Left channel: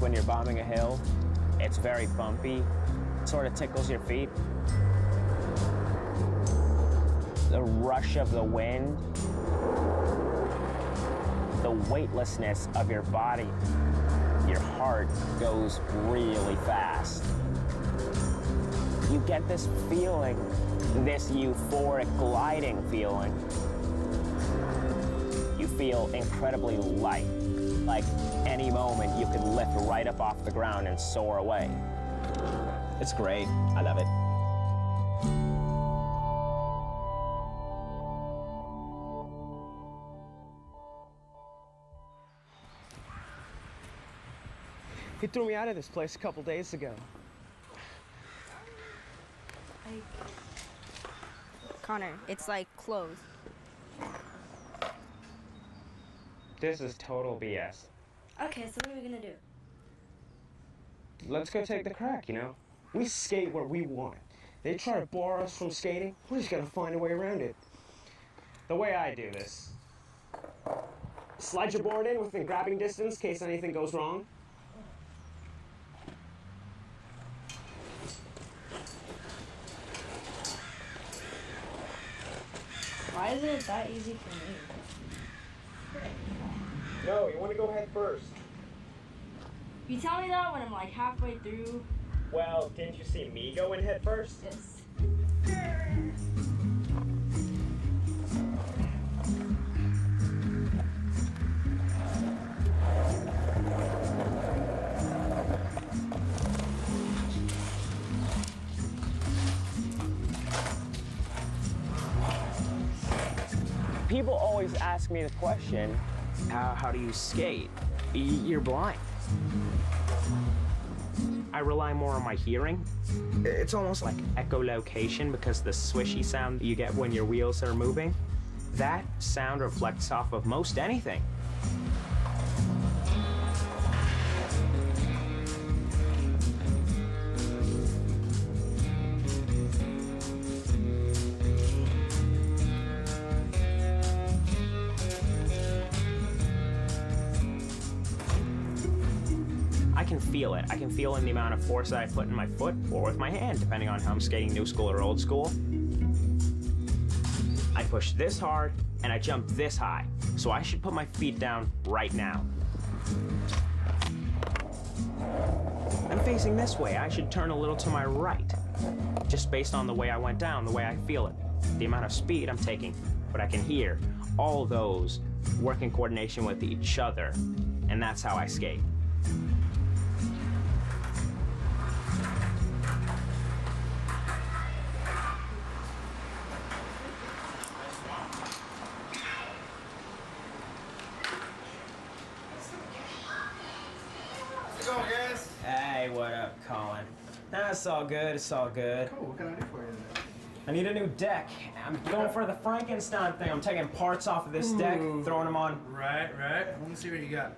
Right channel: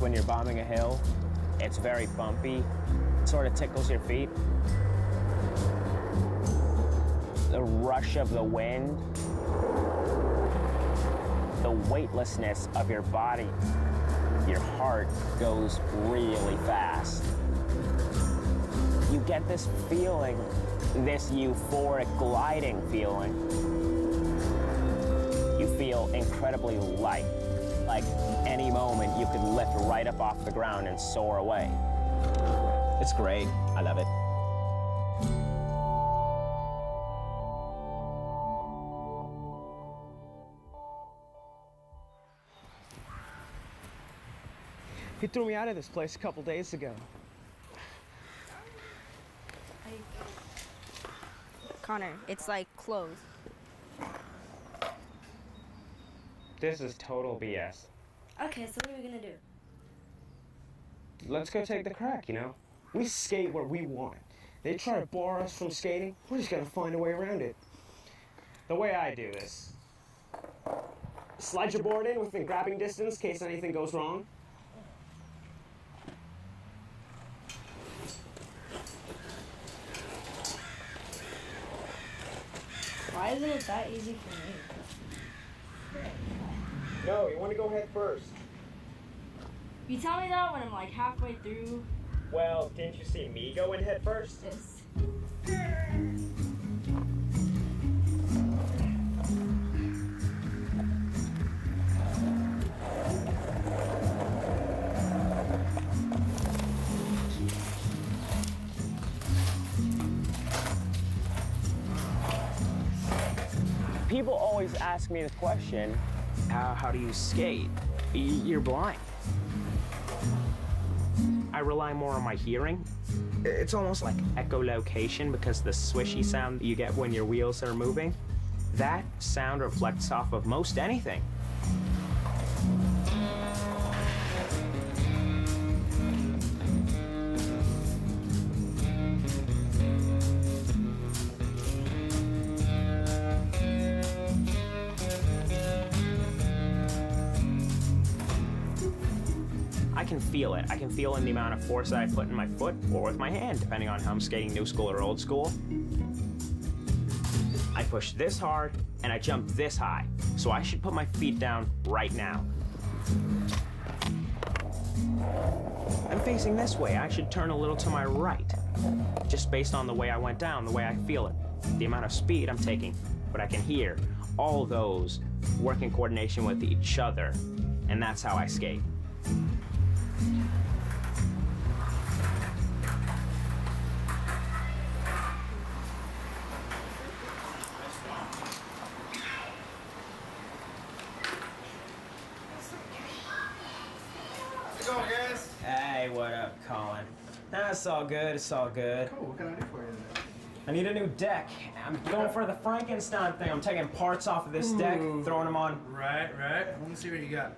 when you're bombing a hill. It's very bumpy, sort of tickles your feet. The rush of the wind, the weightlessness of your body. Your heart goes really fast. You get this feeling, this euphoric gliding feeling. You feel incredibly light, like any moment you could lift right up off the ground and soar away. It's great. I love it. He threw me out of this place a couple days ago. Connor, it's like closed. This is total BS. Okay, so what are we gonna do? Let's go take the crack, you know? We skate where we want. They try to bar us from skating, we're just gonna find a way around it. The way I do this, slide your board in within grabbing distance in case anything goes wrong. Why isn't it that easy for me? No, you want to go head first. You tell me that when I'm like halfway through. Well, didn't you see me go in head first? Yes. People always ask me the question, how do you skate? You're blind. I rely more on my hearing. It's almost like echolocation because the swishy sound you get when your wheels are moving, that sound reflects off of most anything. I can feel it. I can feel in the amount of force that I put in my foot or with my hand, depending on how I'm skating new school or old school. I push this hard and I jump this high, so I should put my feet down right now. I'm facing this way. I should turn a little to my right, just based on the way I went down, the way I feel it, the amount of speed I'm taking. But I can hear all those work in coordination with each other, and that's how I skate. How's it going, guys? Hey, what up, Colin? Nah, it's all good, it's all good. Cool, what can I do for you today? I need a new deck. I'm going for the Frankenstein thing. I'm taking parts off of this deck, throwing them on. Right. Let me see what you got.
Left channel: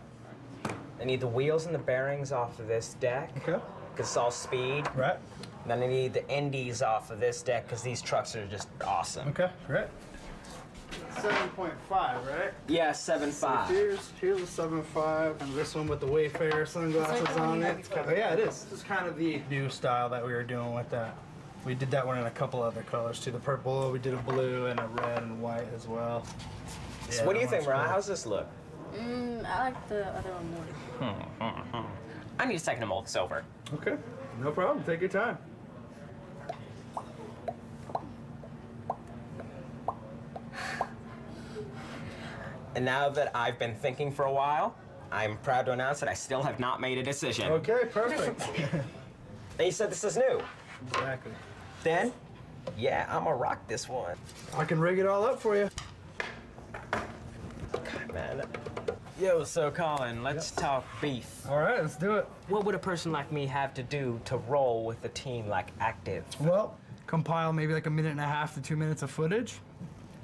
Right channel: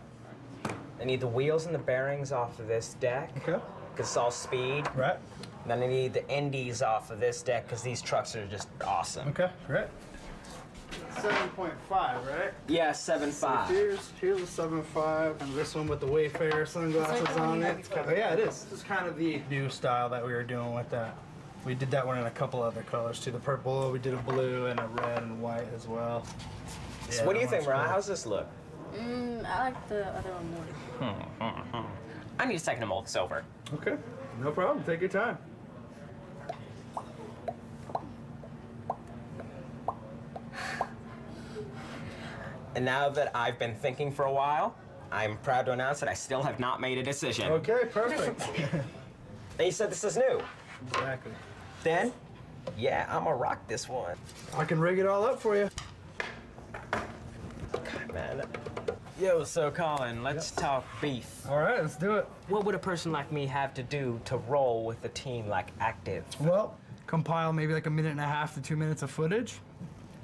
I need the wheels and the bearings off of this deck. Okay. Because it's all speed. Right. And then I need the indies off of this deck because these trucks are just awesome. Okay, right. 7.5, right? Yeah, 7.5. So here's a 7.5, and this one with the Wayfarer sunglasses on it. Oh, yeah, it is. This is kind of the new style that we were doing with that. We did that one in a couple other colors too. The purple, we did a blue and a red and white as well. So what do you think, Brian? How's this look? I like the other one more. I need a second to mold this over. Okay, no problem. Take your time. And now that I've been thinking for a while, I'm proud to announce that I still have not made a decision. Okay, perfect. And you said this is new. Exactly. Then, yeah, I'm gonna rock this one. I can rig it all up for you. God, man. Yo, so Colin, let's talk beef. All right, let's do it. What would a person like me have to do to roll with a team like Active? Well, compile maybe like 1.5 to 2 minutes of footage.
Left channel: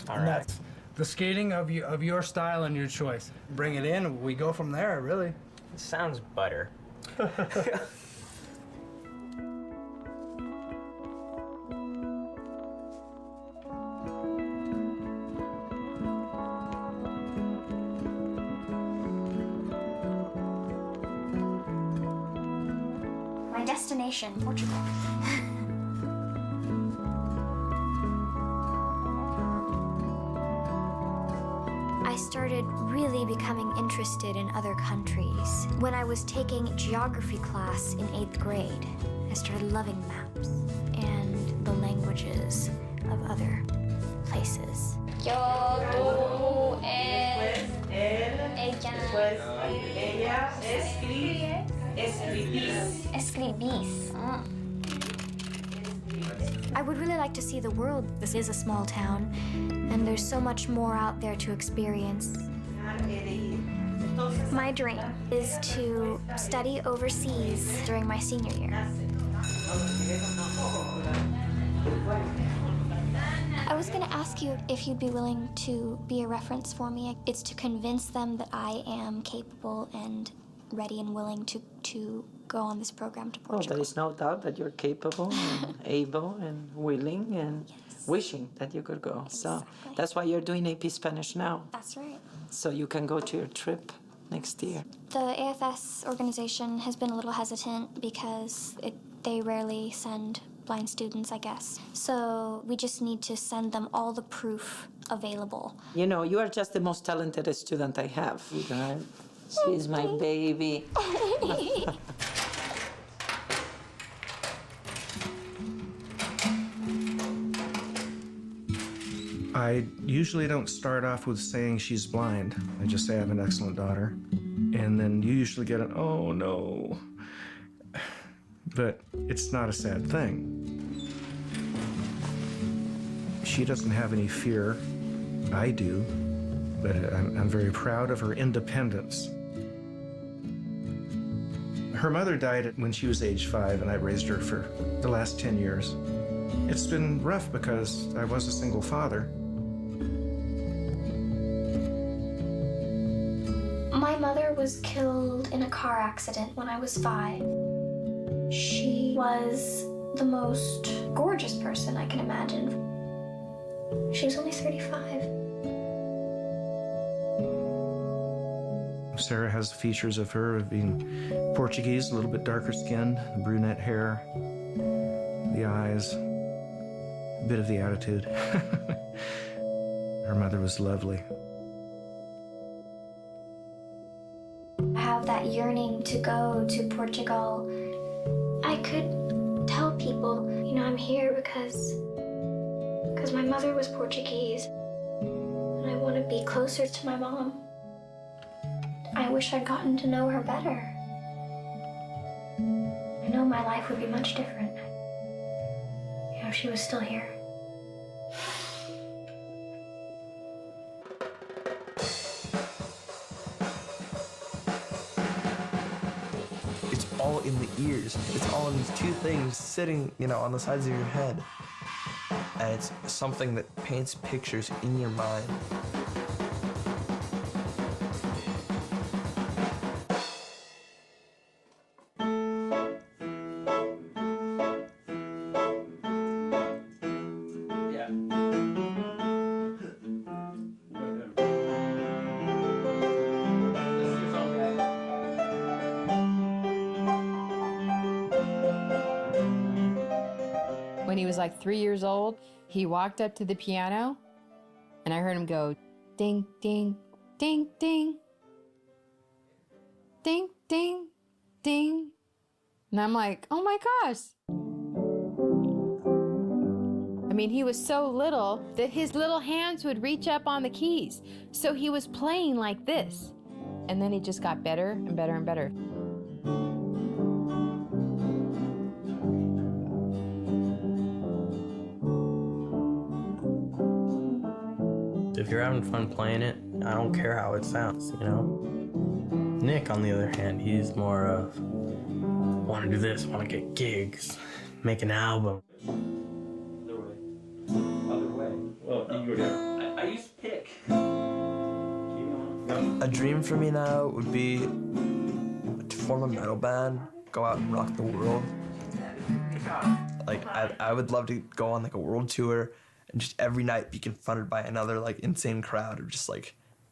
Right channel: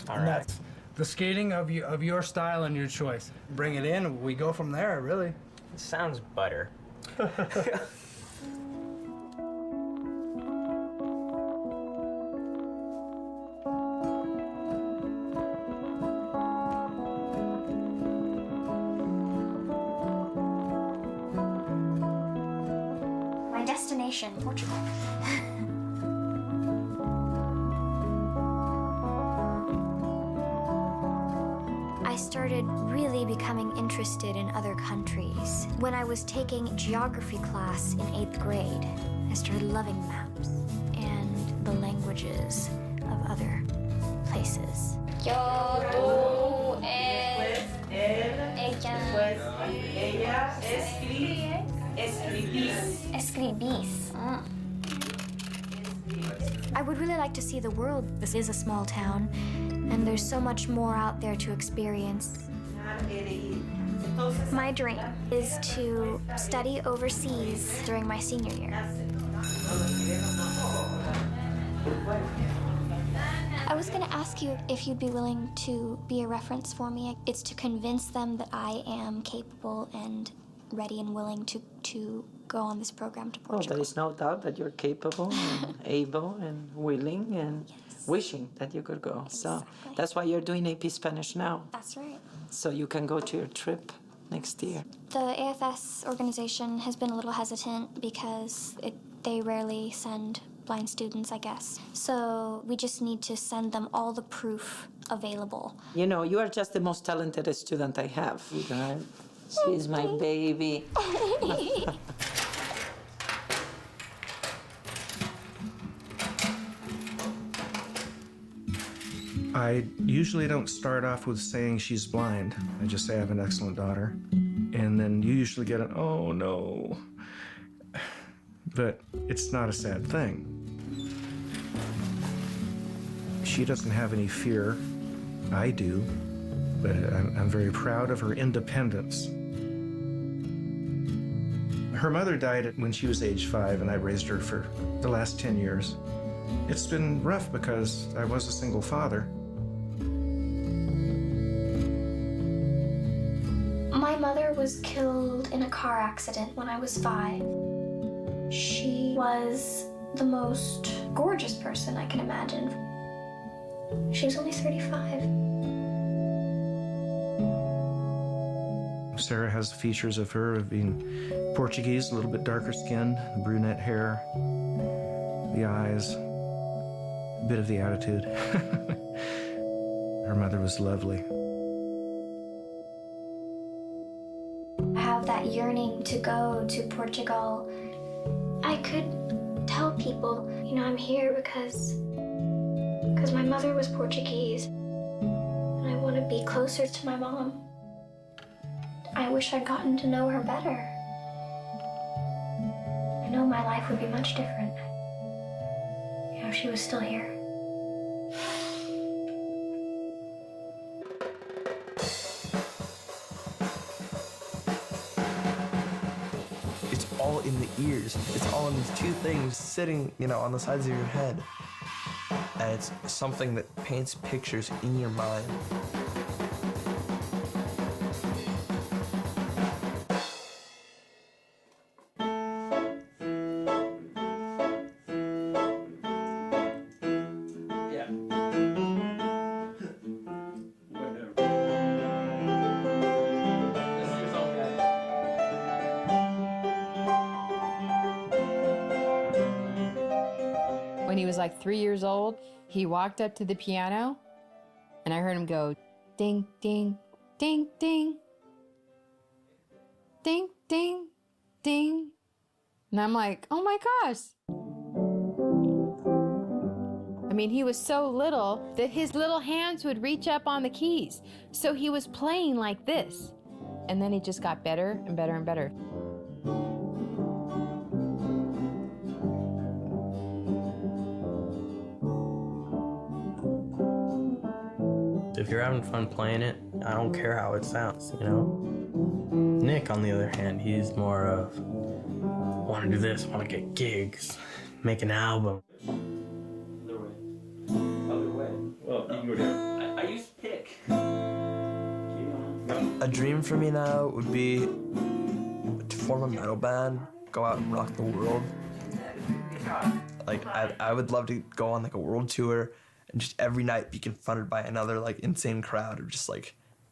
All And right. that's the skating of your style and your choice. Bring it in, we go from there, really. Sounds butter. My destination, Portugal. I started really becoming interested in other countries. When I was taking geography class in 8th grade, I started loving maps and the languages of other places. Yo, tú, él, ella, escribís. Ah. I would really like to see the world. This is a small town, and there's so much more out there to experience. My dream is to study overseas during my senior year. I was going to ask you if you'd be willing to be a reference for me. It's to convince them that I am capable and ready and willing to go on this program to Portugal. Oh, there is no doubt that you're capable and able and willing and wishing that you could go. Exactly. So that's why you're doing AP Spanish now. That's right. So you can go to your trip next year. The AFS organization has been a little hesitant because they rarely send blind students, I guess. So we just need to send them all the proof available. You know, you are just the most talented student I have. She's my baby. I usually don't start off with saying she's blind. I just say I have an excellent daughter. And then you usually get an, oh no. But it's not a sad thing. She doesn't have any fear. I do. But I'm very proud of her independence. Her mother died when she was age 5, and I raised her for the last 10 years. It's been rough because I was a single father. My mother was killed in a car accident when I was 5. She was the most gorgeous person I can imagine. She was only 35. Sarah has the features of her of being Portuguese, a little bit darker skinned, brunette hair, the eyes, a bit of the attitude. Her mother was lovely. I have that yearning to go to Portugal. I could tell people, I'm here because my mother was Portuguese, and I want to be closer to my mom. I wish I'd gotten to know her better. I know my life would be much different if she was still here. It's all in the ears. It's all in these two things sitting, on the sides of your head. And it's something that paints pictures in your mind. When he was like 3 years old, he walked up to the piano and I heard him go, ding, ding, ding, ding, ding, ding, ding. And I'm like, oh my gosh. I mean, he was so little that his little hands would reach up on the keys. So he was playing like this. And then he just got better and better and better. If you're having fun playing it, I don't care how it sounds, Nick, on the other hand, he's more of, want to do this, want to get gigs, make an album. Other way. Other way. Well, you can go down. I use pick. Keep going. A dream for me now would be to form a metal band, go out and rock the world. Like, I would love to go on, a world tour and just every night be confronted by another, insane crowd of just,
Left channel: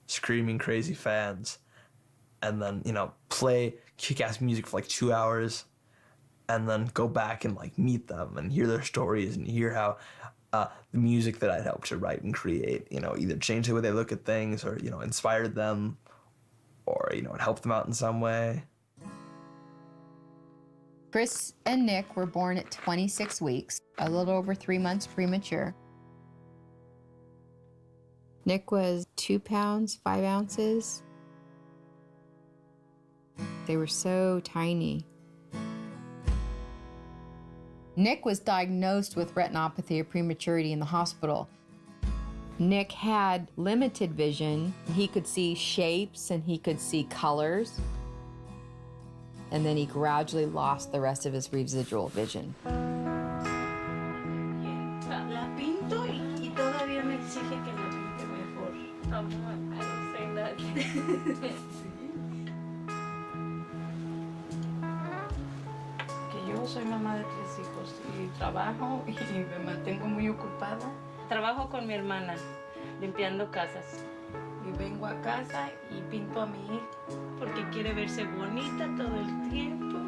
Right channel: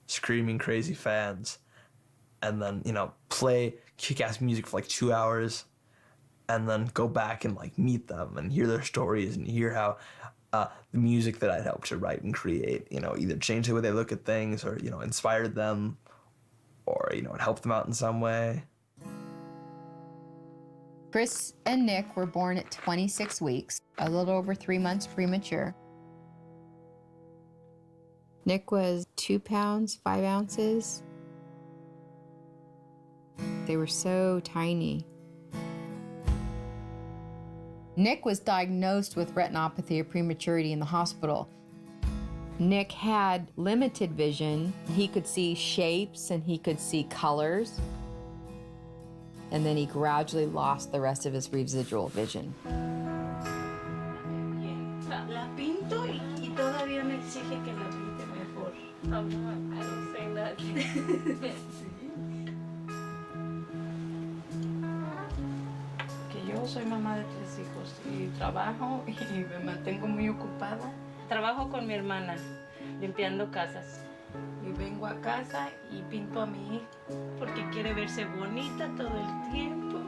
screaming crazy fans. And then, play kick-ass music for, 2 hours and then go back and like meet them and hear their stories and hear how the music that I'd helped to write and create, you know, either changed the way they look at things or, you know, inspired them or, you know, it helped them out in some way. Chris and Nick were born at 26 weeks, a little over 3 months premature. Nick was 2 pounds, 5 ounces. They were so tiny. Nick was diagnosed with retinopathy of prematurity in the hospital. Nick had limited vision. He could see shapes and he could see colors. And then he gradually lost the rest of his residual vision. La pinto y todavía me exige que la pinte mejor. Mamá, I don't say nothing. Que yo soy mamá de 3 hijos y trabajo y me mantengo muy ocupada. Trabajo con mi hermana, limpiando casas. Y vengo a casa y pinto a mi hija porque quiere verse bonita todo el tiempo.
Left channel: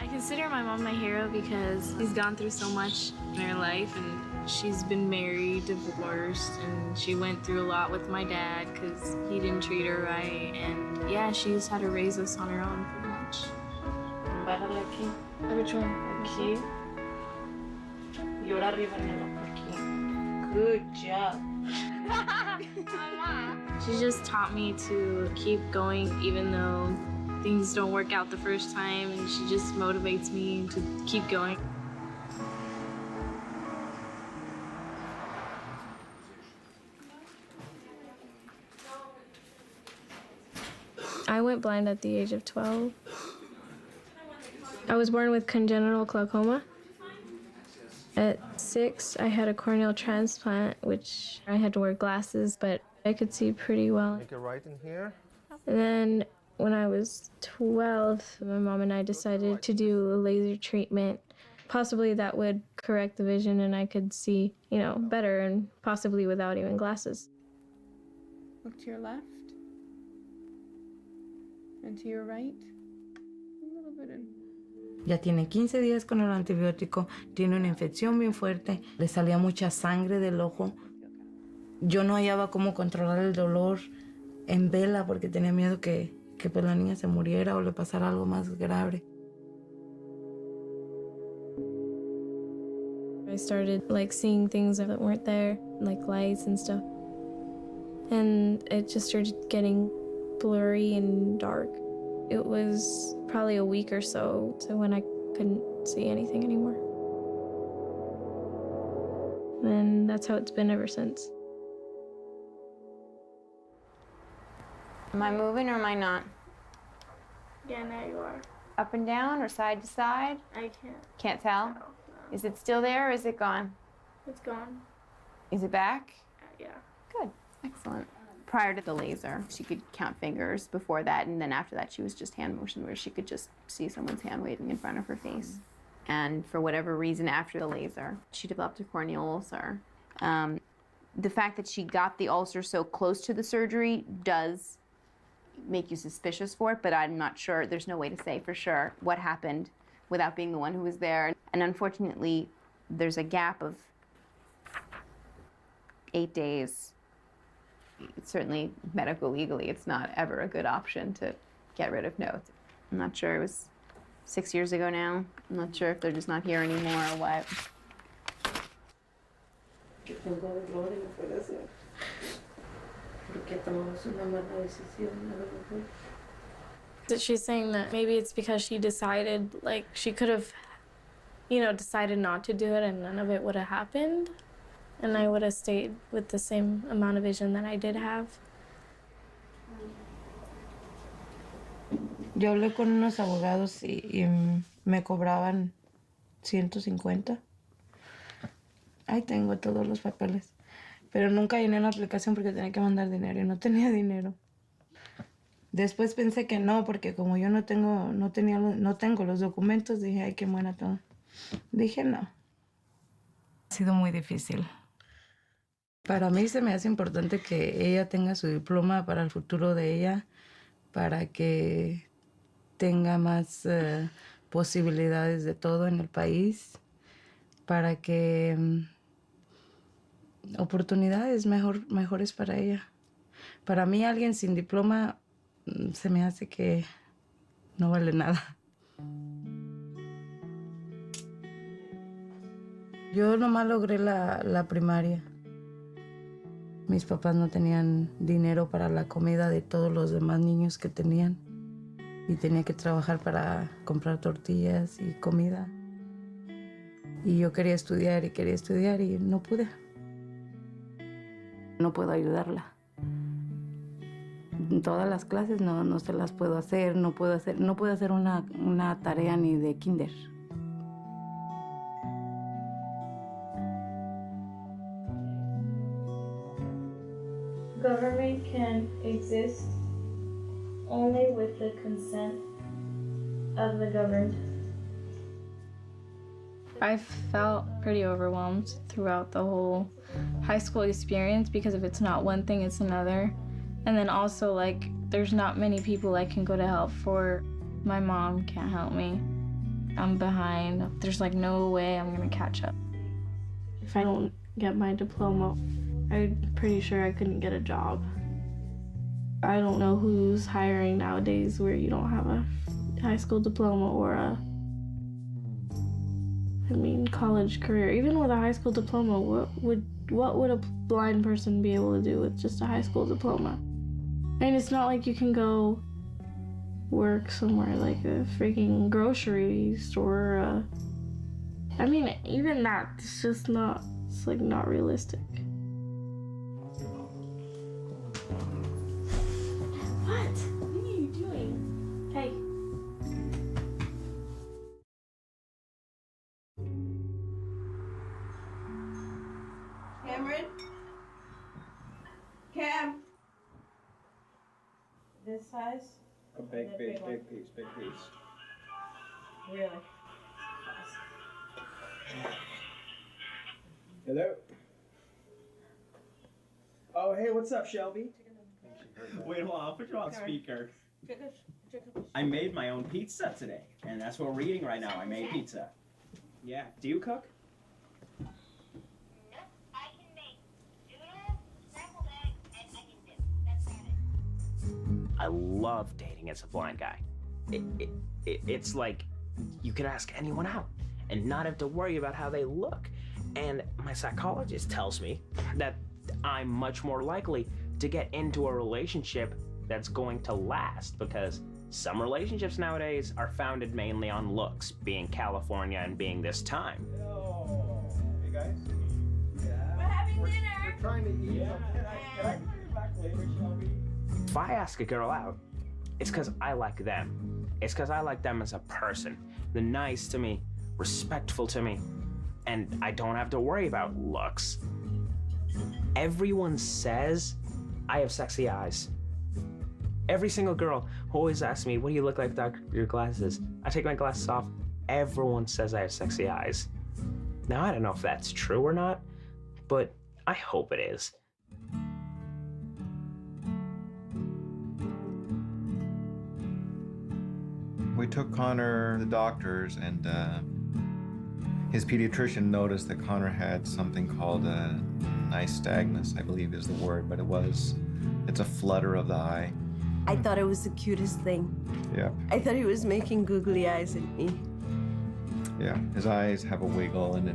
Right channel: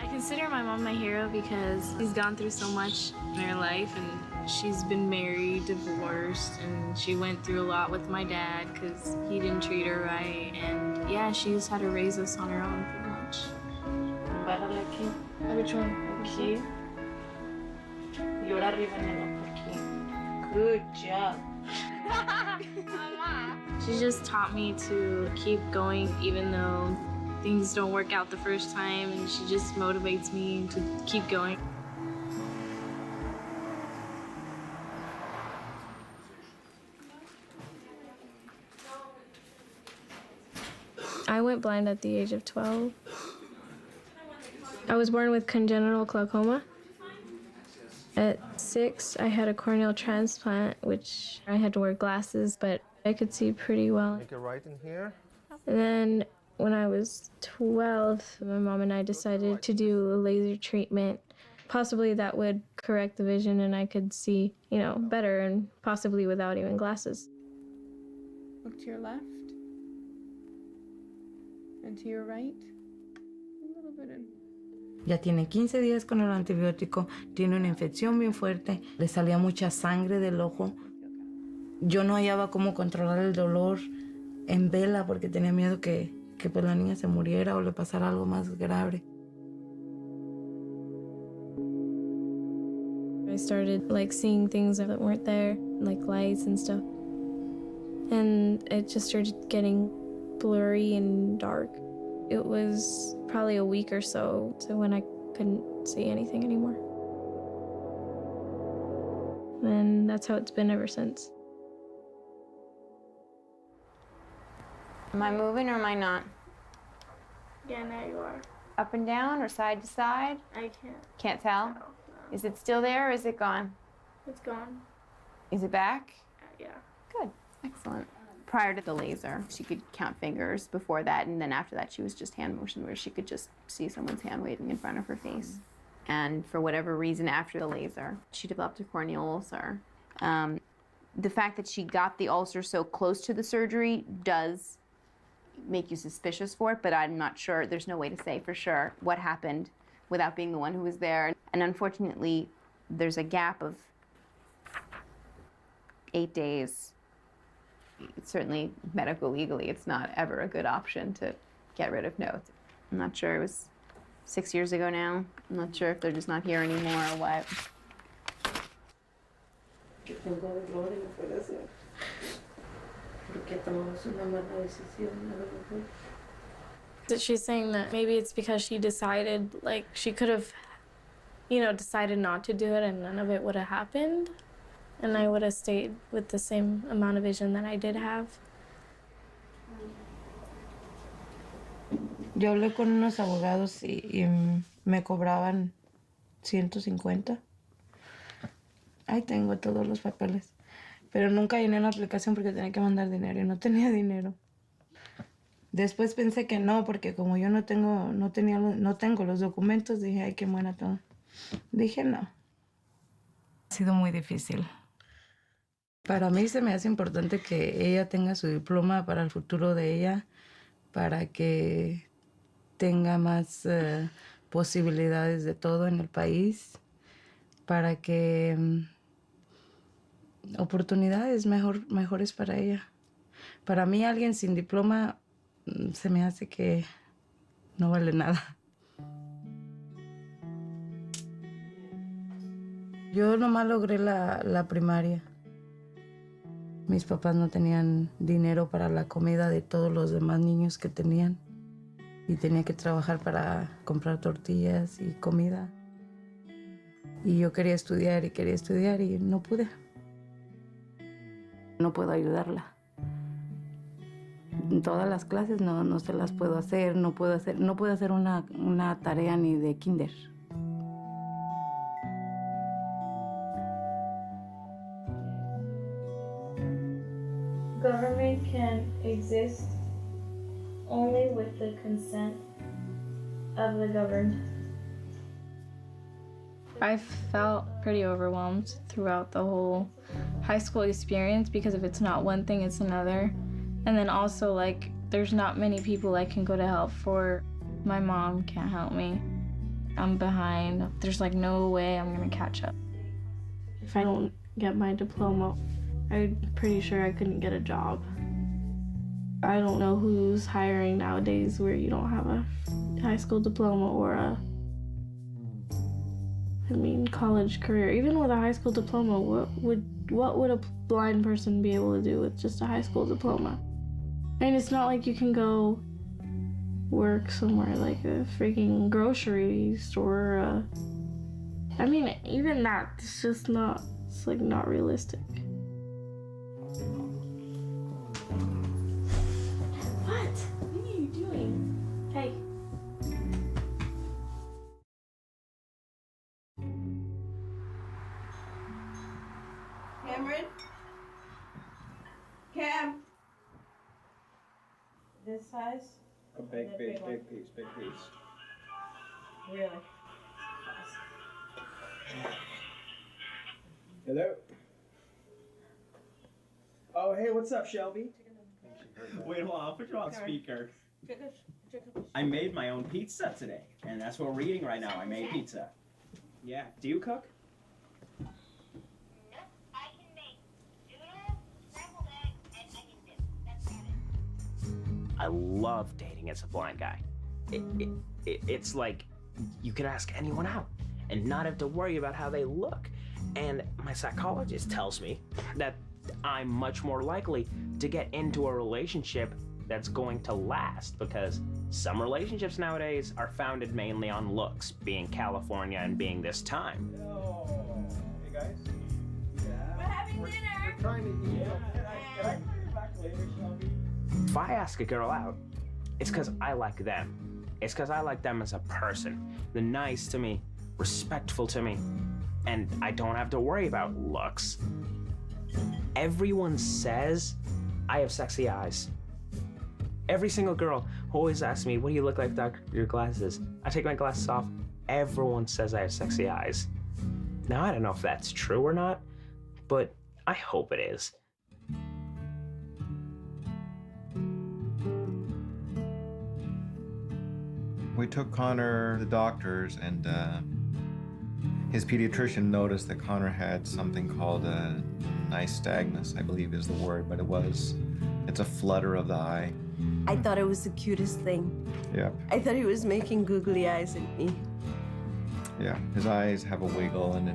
I consider my mom my hero because she's gone through so much in her life, and she's been married, divorced, and she went through a lot with my dad because he didn't treat her right. And yeah, she's had to raise us on her own pretty much. Párale aquí. Which one? Aquí. Y ahora arriba en el ojo aquí. Good job. She just taught me to keep going even though things don't work out the first time, and she just motivates me to keep going. I went blind at the age of 12. I was born with congenital glaucoma. At 6, I had a corneal transplant, which I had to wear glasses, but I could see pretty well. Make it right in here. And then when I was 12, my mom and I decided to do a laser treatment. Possibly that would correct the vision and I could see, you know, better and possibly without even glasses. Look to your left. And to your right. A little bit in. Ya tiene 15 días con el antibiótico, tiene una infección bien fuerte, le salía mucha sangre del ojo. Yo no hallaba cómo controlar el dolor en vela porque tenía miedo que pues la niña se muriera o le pasara algo más grave. I started like seeing things that weren't there, like lights and stuff. And it just started getting blurry and dark. It was probably a week or so to when I couldn't see anything anymore. And that's how it's been ever since. Am I moving or am I not? Yeah, now you are. Up and down or side to side? I can't. Can't tell? No. Is it still there or is it gone? It's gone. Is it back? Yeah. Good. Excellent. Prior to the laser, she could count fingers. Before that, and then after that, she was just hand motion, where she could just see someone's hand waving in front of her face. And for whatever reason, after the laser, she developed a corneal ulcer. The fact that she got the ulcer so close to the surgery does make you suspicious for it, but I'm not sure. There's no way to say for sure what happened without being the one who was there. And unfortunately, there's a gap of 8 days. Certainly, medical legally, it's not ever a good option to get rid of notes. I'm not sure. It was 6 years ago now. I'm not sure if they're just not here anymore or what. She's saying that maybe it's because she decided, like, she could have, you know, decided not to do it and none of it would have happened. And I would have stayed with the same amount of vision that I did have. Yo hablé con unos abogados y me cobraban 150. Ahí tengo todos los papeles. Pero nunca llené la aplicación porque tenía que mandar dinero y no tenía dinero. Después pensé que no, porque como yo no tengo los documentos, dije, ay, qué buena todo. Dije no. Ha sido muy difícil. Para mí se me hace importante que ella tenga su diploma para el futuro de ella, para que tenga más posibilidades de todo en el país, para que oportunidades mejores para ella. Para mí, alguien sin diploma se me hace que no vale nada. Yo nomás logré la primaria. Mis papás no tenían dinero para la comida de todos los demás niños que tenían. Y tenía que trabajar para comprar tortillas y comida. Y yo quería estudiar y no pude. No puedo ayudarla. En todas las clases no se las puedo hacer, no puedo hacer una tarea ni de kinder. Government can exist only with the consent of the governed. I felt pretty overwhelmed throughout the whole high school experience because if it's not one thing, it's another. And then also, like, there's not many people I can go to help for. My mom can't help me. I'm behind. There's like no way I'm gonna catch up. If I don't get my diploma, I'm pretty sure I couldn't get a job. I don't know who's hiring nowadays where you don't have a high school diploma or college career. Even with a high school diploma, what would a blind person be able to do with just a high school diploma? I mean, it's not like you can go work somewhere like a freaking grocery store. I mean, even that, it's just not, it's like not realistic. What? What are you doing? Hey. Cameron? Cam? This size? A big piece. Really? Hello? Oh, hey, what's up, Shelby? Wait, hold on, I'll put you on speaker. I made my own pizza today, and that's what we're eating right now. I made pizza. Yeah, do you cook? I love dating as a blind guy. It's like you can ask anyone out and not have to worry about how they look. And my psychologist tells me that I'm much more likely to get into a relationship that's going to last, because some relationships nowadays are founded mainly on looks, being California and being this time. Oh, hey guys. We're having dinner. We're trying to eat. Yeah. Can I call you back later, Shelby? If I ask a girl out, it's because I like them. It's because I like them as a person. They're nice to me, respectful to me, and I don't have to worry about looks. Everyone says I have sexy eyes. Every single girl who always asks me, what do you look like without your glasses? I take my glasses off. Everyone says I have sexy eyes. Now, I don't know if that's true or not, but I hope it is. We took Connor to the doctors, and his pediatrician noticed that Connor had something called nystagmus, I believe is the word, but it's a flutter of the eye. I thought it was the cutest thing. Yeah. I thought he was making googly eyes at me. Yeah, his eyes have a wiggle, and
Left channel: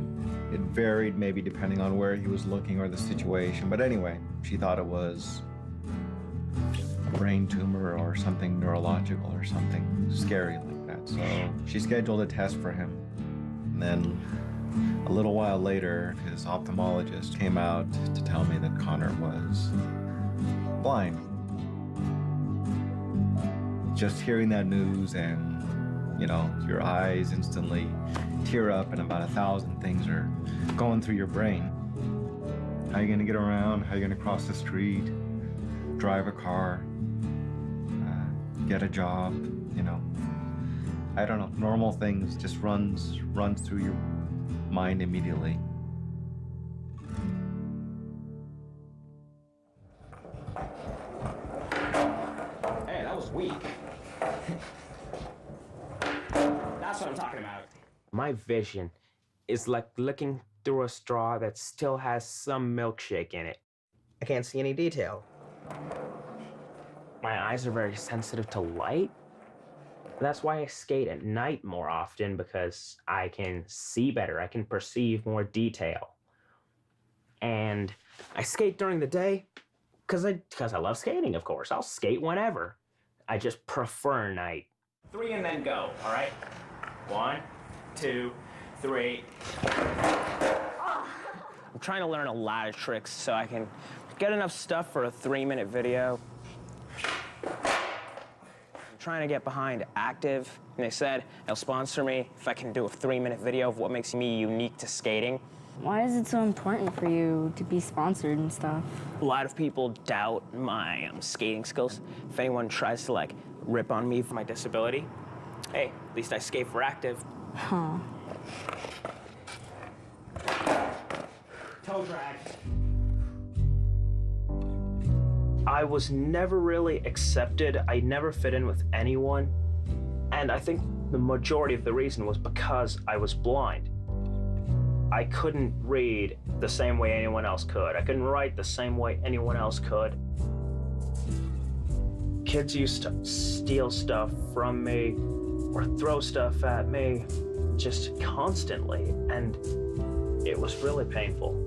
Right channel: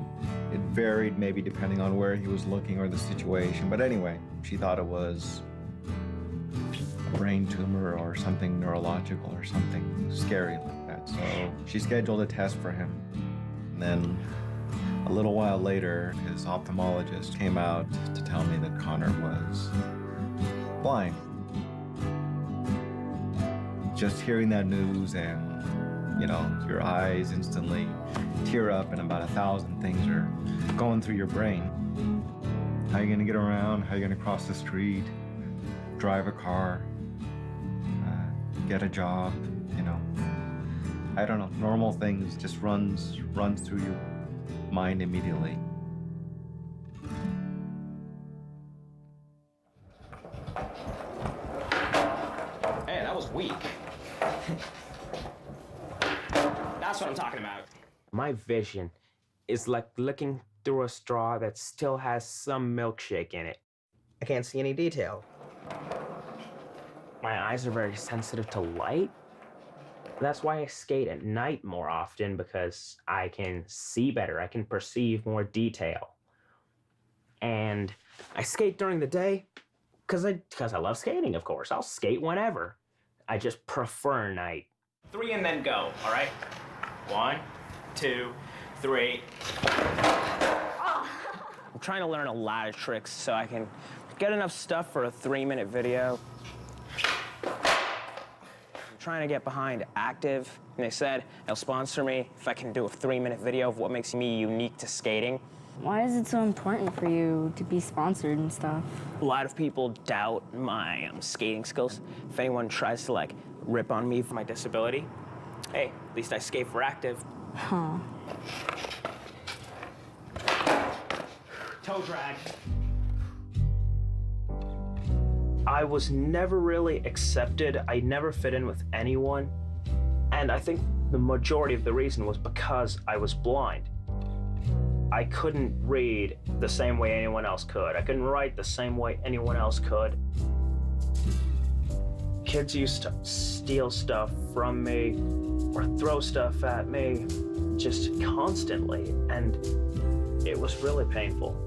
it varied maybe depending on where he was looking or the situation. But anyway, she thought it was a brain tumor or something neurological or something scary like that. So she scheduled a test for him. And then a little while later, his ophthalmologist came out to tell me that Connor was blind. Just hearing that news, and your eyes instantly tear up, and about 1,000 things are going through your brain. How are you gonna get around? How are you gonna cross the street, drive a car, get a job? I don't know. Normal things just runs through your mind immediately. Hey, that was weak. That's what I'm talking about. My vision is like looking through a straw that still has some milkshake in it. I can't see any detail. My eyes are very sensitive to light. That's why I skate at night more often, because I can see better, I can perceive more detail. And I skate during the day because I love skating, of course. I'll skate whenever. I just prefer night. 3 and then go, all right? 1, 2, 3. I'm trying to learn a lot of tricks so I can get enough stuff for a 3-minute video. I'm trying to get behind Active, and they said they'll sponsor me if I can do a 3-minute video of what makes me unique to skating. Why is it so important for you to be sponsored and stuff? A lot of people doubt my skating skills. If anyone tries to like rip on me for my disability, hey, at least I skate for Active. Huh. Toe drag. I was never really accepted. I never fit in with anyone. And I think the majority of the reason was because I was blind. I couldn't read the same way anyone else could. I couldn't write the same way anyone else could. Kids used to steal stuff from me or throw stuff at me just constantly, and it was really painful.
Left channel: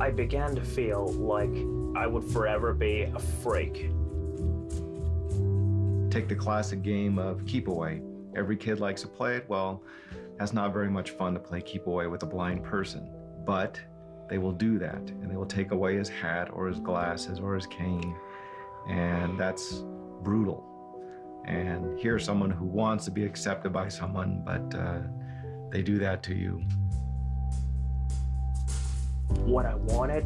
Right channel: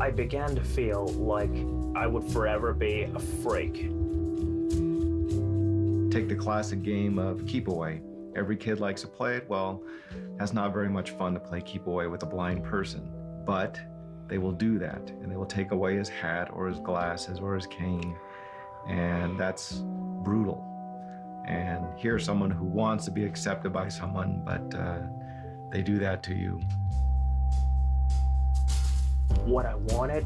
I began to feel like I would forever be a freak. Take the classic game of keep away. Every kid likes to play it. Well, that's not very much fun to play keep away with a blind person, but they will do that, and they will take away his hat or his glasses or his cane, and that's brutal. And here's someone who wants to be accepted by someone, but they do that to you. What I wanted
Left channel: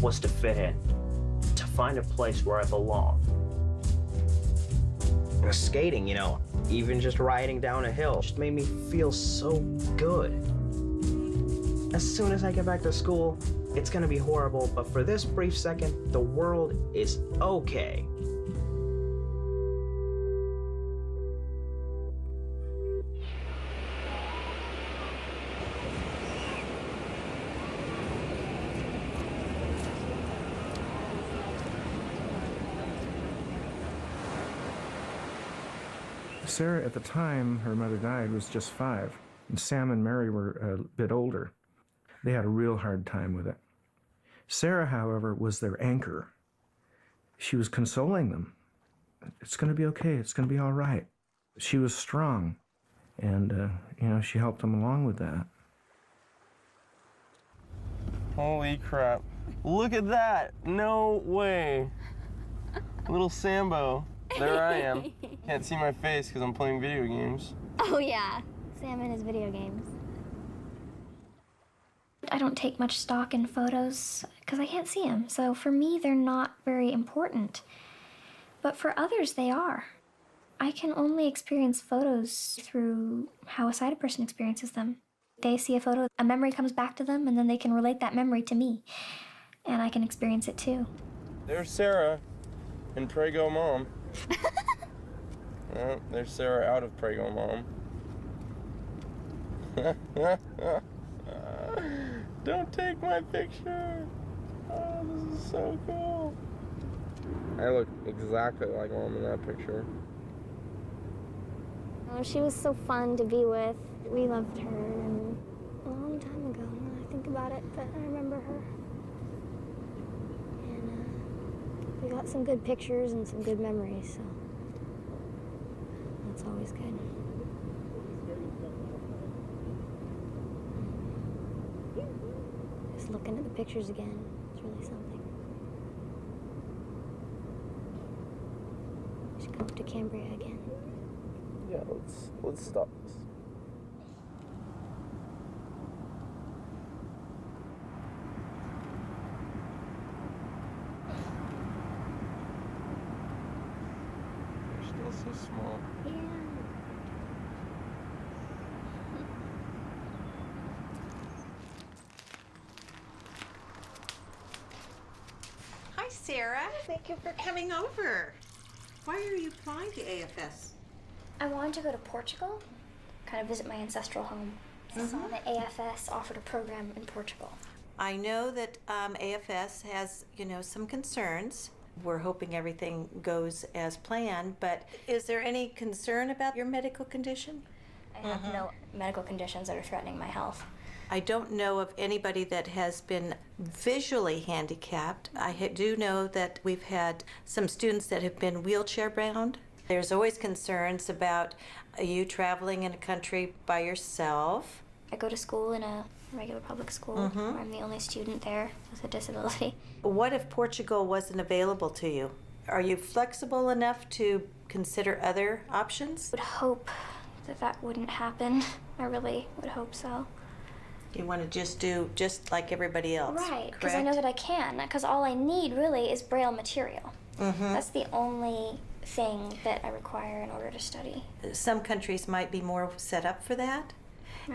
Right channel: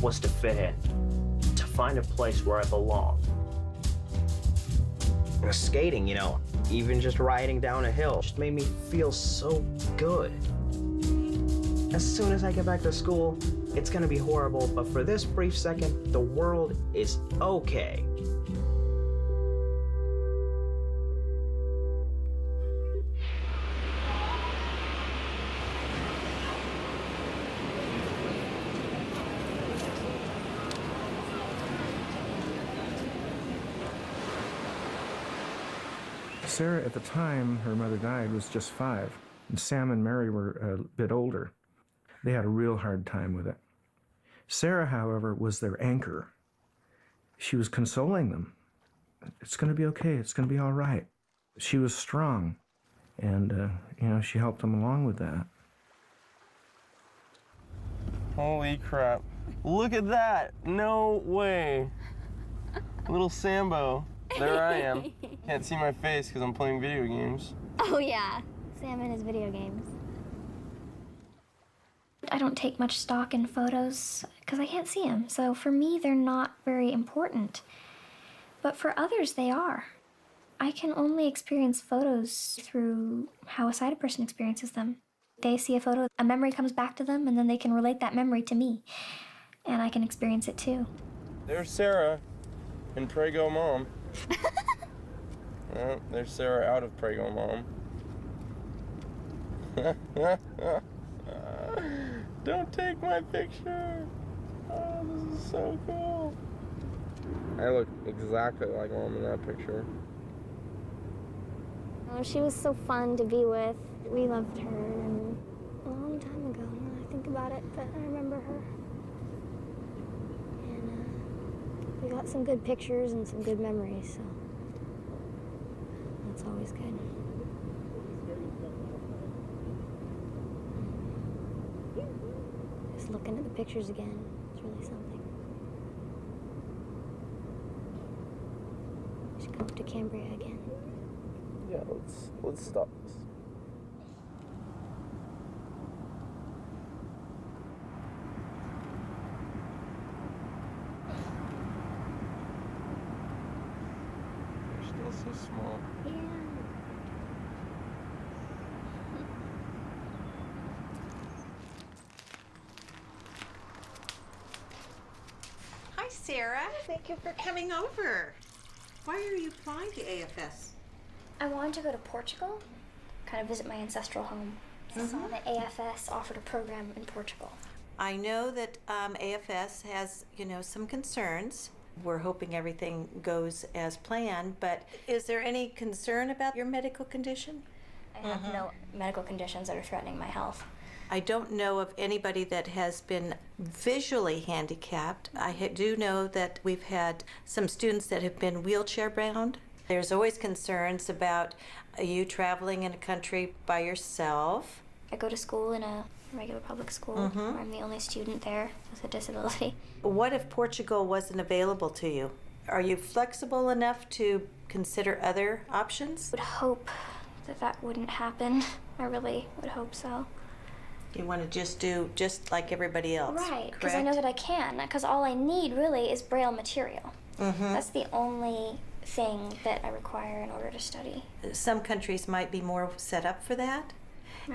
was to fit in, to find a place where I belong. And skating, you know, even just riding down a hill just made me feel so good. As soon as I get back to school, it's gonna be horrible, but for this brief second, the world is okay. Sarah, at the time her mother died, was just 5, and Sam and Mary were a bit older. They had a real hard time with it. Sarah, however, was their anchor. She was consoling them. It's going to be okay. It's going to be all right. She was strong, and, you know, she helped them along with that. Holy crap. Look at that. No way. Little Sambo. There I am. Can't see my face because I'm playing video games. Oh yeah, Sam and his video games. I don't take much stock in photos because I can't see them, so for me they're not very important. But for others they are. I can only experience photos through how a sighted person experiences them. They see a photo, a memory comes back to them, and then they can relate that memory to me. And I can experience it too. There's Sarah in Pray Go Mom. There's Sarah out of Pray Go Mom. Don't take my picture. Oh, this is so cool. I look exactly like Mom in that picture. Oh, she was so fun to be with. We loved her, and a long time ago, now I think about it, but I remember her. And we got some good pictures and some good memories, so that's always good. Just looking at the pictures again, it's really something. We should go up to Cambria again. Yeah, let's stop this. They're still so small. Yeah. Hi, Sarah. Thank you for coming over. Why are you applying to AFS? I wanted to go to Portugal, kind of visit my ancestral home. I saw that AFS offered a program in Portugal. I know that AFS has, some concerns. We're hoping everything goes as planned, but is there any concern about your medical condition? I have no medical conditions that are threatening my health. I don't know of anybody that has been visually handicapped. I do know that we've had some students that have been wheelchair-bound. There's always concerns about you traveling in a country by yourself. I go to school in a regular public school. Where I'm the only student there with a disability. What if Portugal wasn't available to you? Are you flexible enough to consider other options? I would hope that wouldn't happen. I really would hope so. You want to just do just like everybody else, right? Because I know that I can. Because all I need really is Braille material. That's the only thing that I require in order to study. Some countries might be more set up for that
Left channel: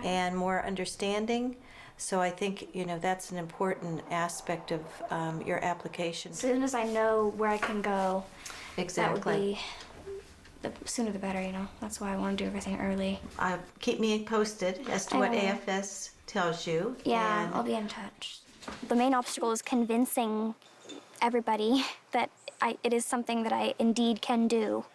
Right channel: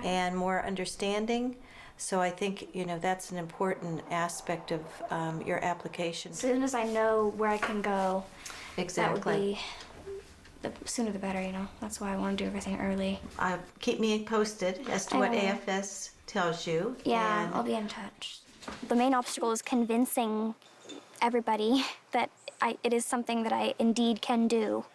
and more understanding. So I think, that's an important aspect of your application. As soon as I know where I can go, exactly. That would be the sooner the better, That's why I want to do everything early. Keep me posted as to what AFS tells you. Yeah, I'll be in touch. The main obstacle is convincing everybody that it is something that I indeed can do.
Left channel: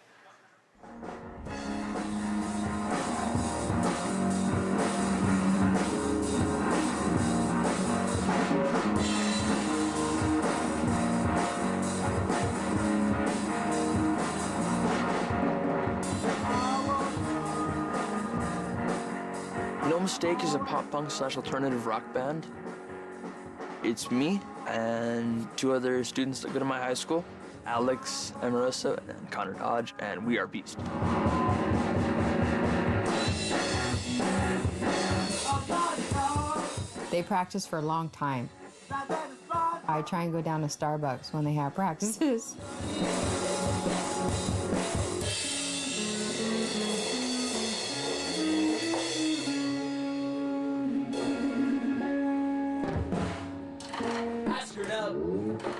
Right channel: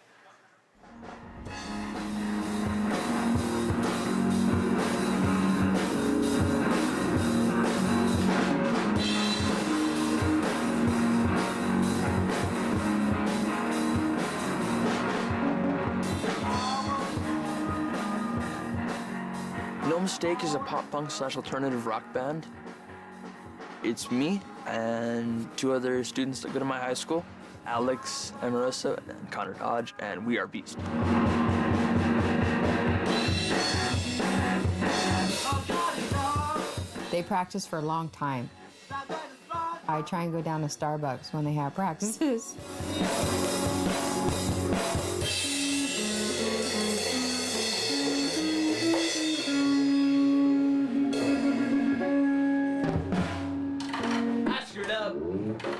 No Mistake is a pop-punk / alternative rock band. It's me and 2 other students that go to my high school, Alex and Marissa and Connor Dodge, and we are Beast. They practice for a long time. I try and go down to Starbucks when they have practices.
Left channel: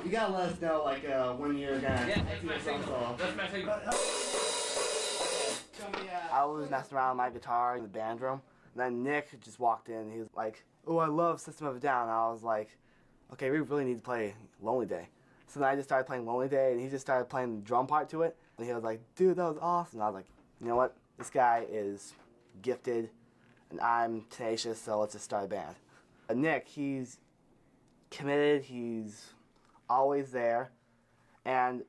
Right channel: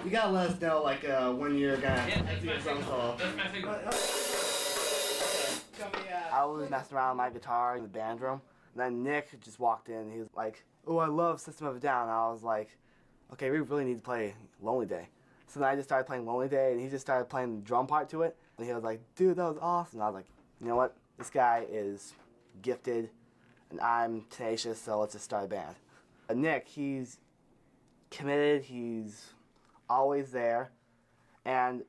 You gotta let us know, when you're gonna do your drum solo. I was messing around with my guitar in the band room, and then Nick just walked in. He was like, "Oh, I love System of a Down." And I was like, "Okay, we really need to play Lonely Day." So then I just started playing Lonely Day, and he just started playing the drum part to it. And he was like, "Dude, that was awesome." And I was like, "You know what? This guy is gifted, and I'm tenacious, so let's just start a band." Nick, he's committed. He's always there, and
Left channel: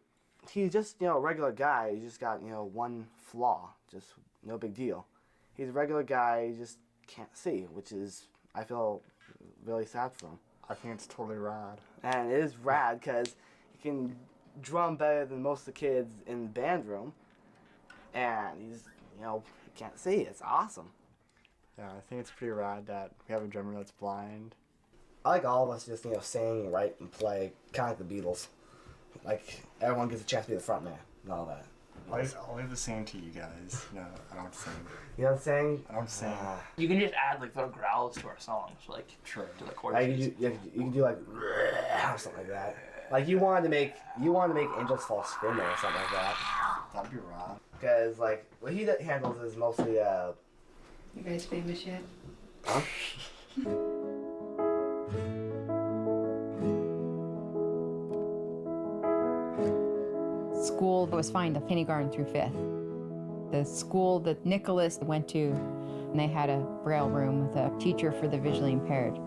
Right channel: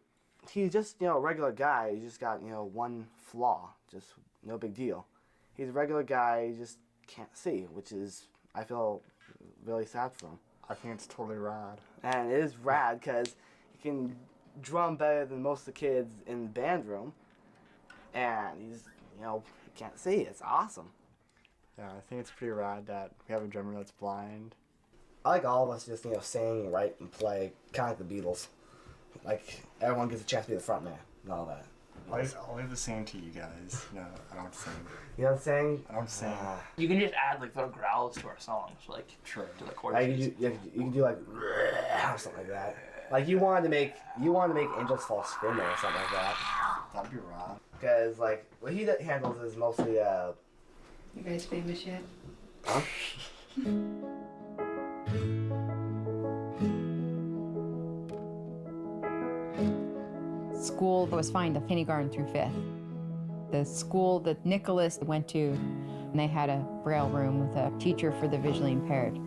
he's just a regular guy. He's just got one flaw, just no big deal. He's a regular guy. He just can't see, which is, I feel really sad for him. I think it's totally rad. And it is rad because he can drum better than most of the kids in the band room, and he's he can't see. It's awesome. Yeah, I think it's pretty rad that we have a drummer that's blind. I like all of us just, sing, write, and play, kind of like the Beatles. Like, everyone gets a chance to be the front man and all that. I'll leave the singing to you guys. No, I don't sing. You don't sing? I don't sing. You can just add little growls to our songs, to the chords. You can do or something like that. Like you wanted to make Angels Fall Screaming or something like that. That'd be rad. Because what he handles is mostly You guys famous yet? Huh? School was fine to kindergarten through 5th. The school that Nicholas went to, and they had a Braille room with a teacher for the visually impaired.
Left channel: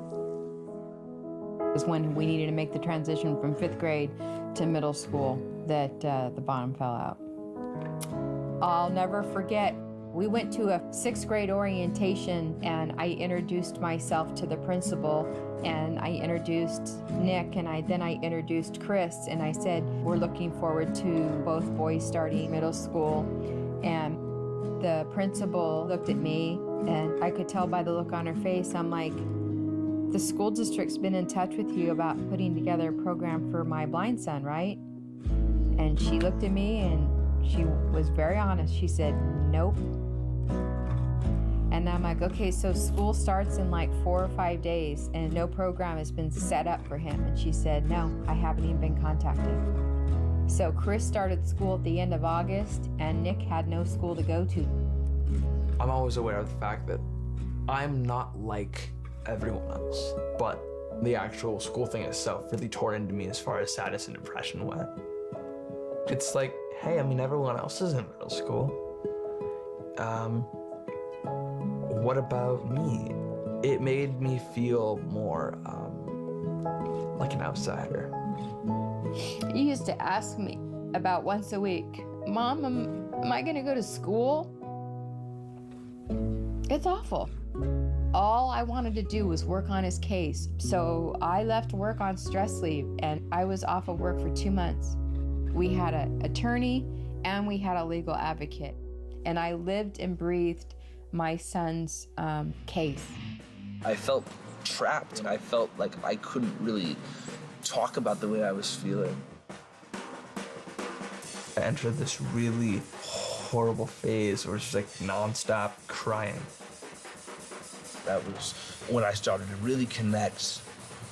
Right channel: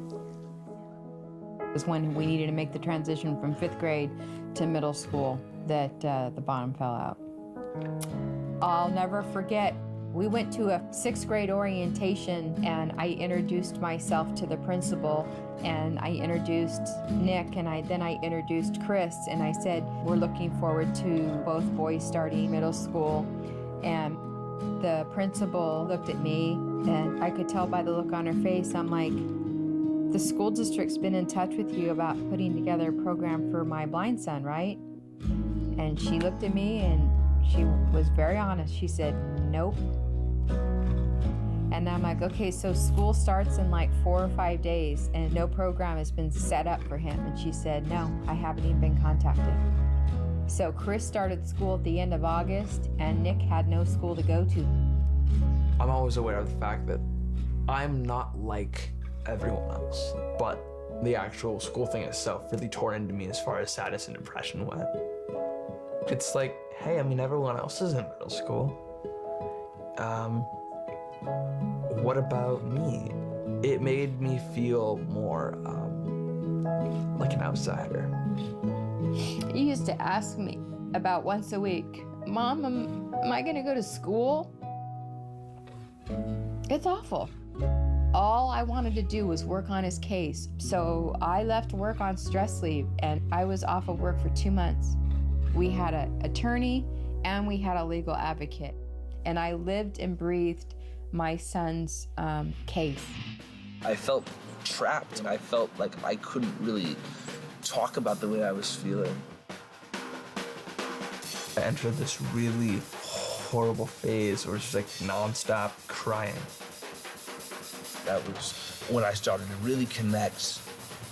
It was when we needed to make the transition from 5th grade to middle school that the bottom fell out. I'll never forget, we went to a 6th grade orientation, and I introduced myself to the principal, and I introduced Nick, and then I introduced Chris, and I said, we're looking forward to both boys starting middle school. And the principal looked at me, and I could tell by the look on her face, I'm like, the school district's been in touch with you about putting together a program for my blind son, right? And she looked at me, and she was very honest. She said, nope. And I'm like, okay, so school starts in 4 or 5 days and no program has been set up for him. And she said, no, I haven't even been contacted. So Chris started school at the end of August and Nick had no school to go to. I'm always aware of the fact that I'm not like everyone else, but the actual school thing itself really tore into me as far as sadness and depression went. It's like, hey, I mean, everyone else is in middle school. What about me? It made me feel more like an outsider. You used to ask me about once a week, Mom, am I gonna go to school? It's awful. All I wanted to do was work on his case, so I left work on stress leave and I was off of work for 2 months. We had an attorney and we had a legal advocate, and I lived and breathed my son's case. I felt trapped. I felt like I couldn't really talk about the way I was feeling. I entered this really horrible phase where it's just like nonstop crying. That was when I started to really connect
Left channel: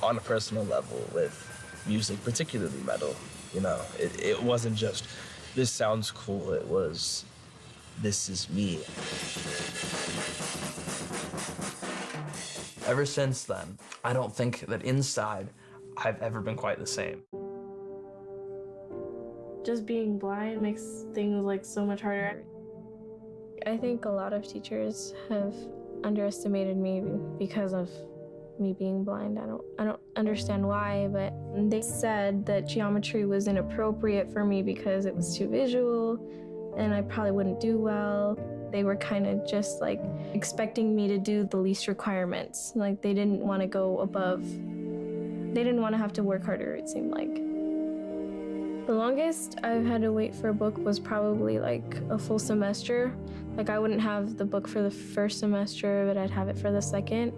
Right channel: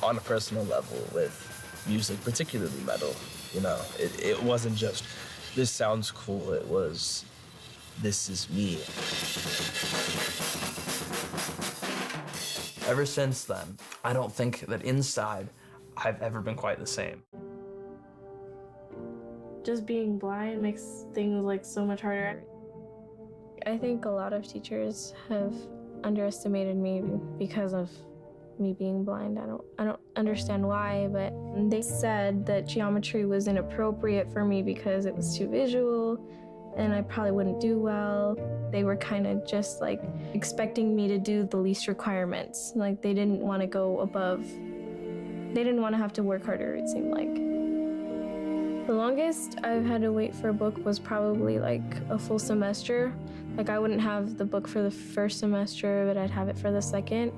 on a personal level with music, particularly metal. You know, it wasn't just, this sounds cool, it was, this is me. Ever since then, I don't think that inside I've ever been quite the same. Just being blind makes things like so much harder. I think a lot of teachers have underestimated me because of me being blind. I don't understand why, but they said that geometry was inappropriate for me because it was too visual and I probably wouldn't do well. They were kind of just like expecting me to do the least requirements. Like they didn't want to go above. They didn't want to have to work harder, it seemed like. The longest I've had to wait for a book was probably like a full semester. Like I wouldn't have the book for the first semester, but I'd have it for the second.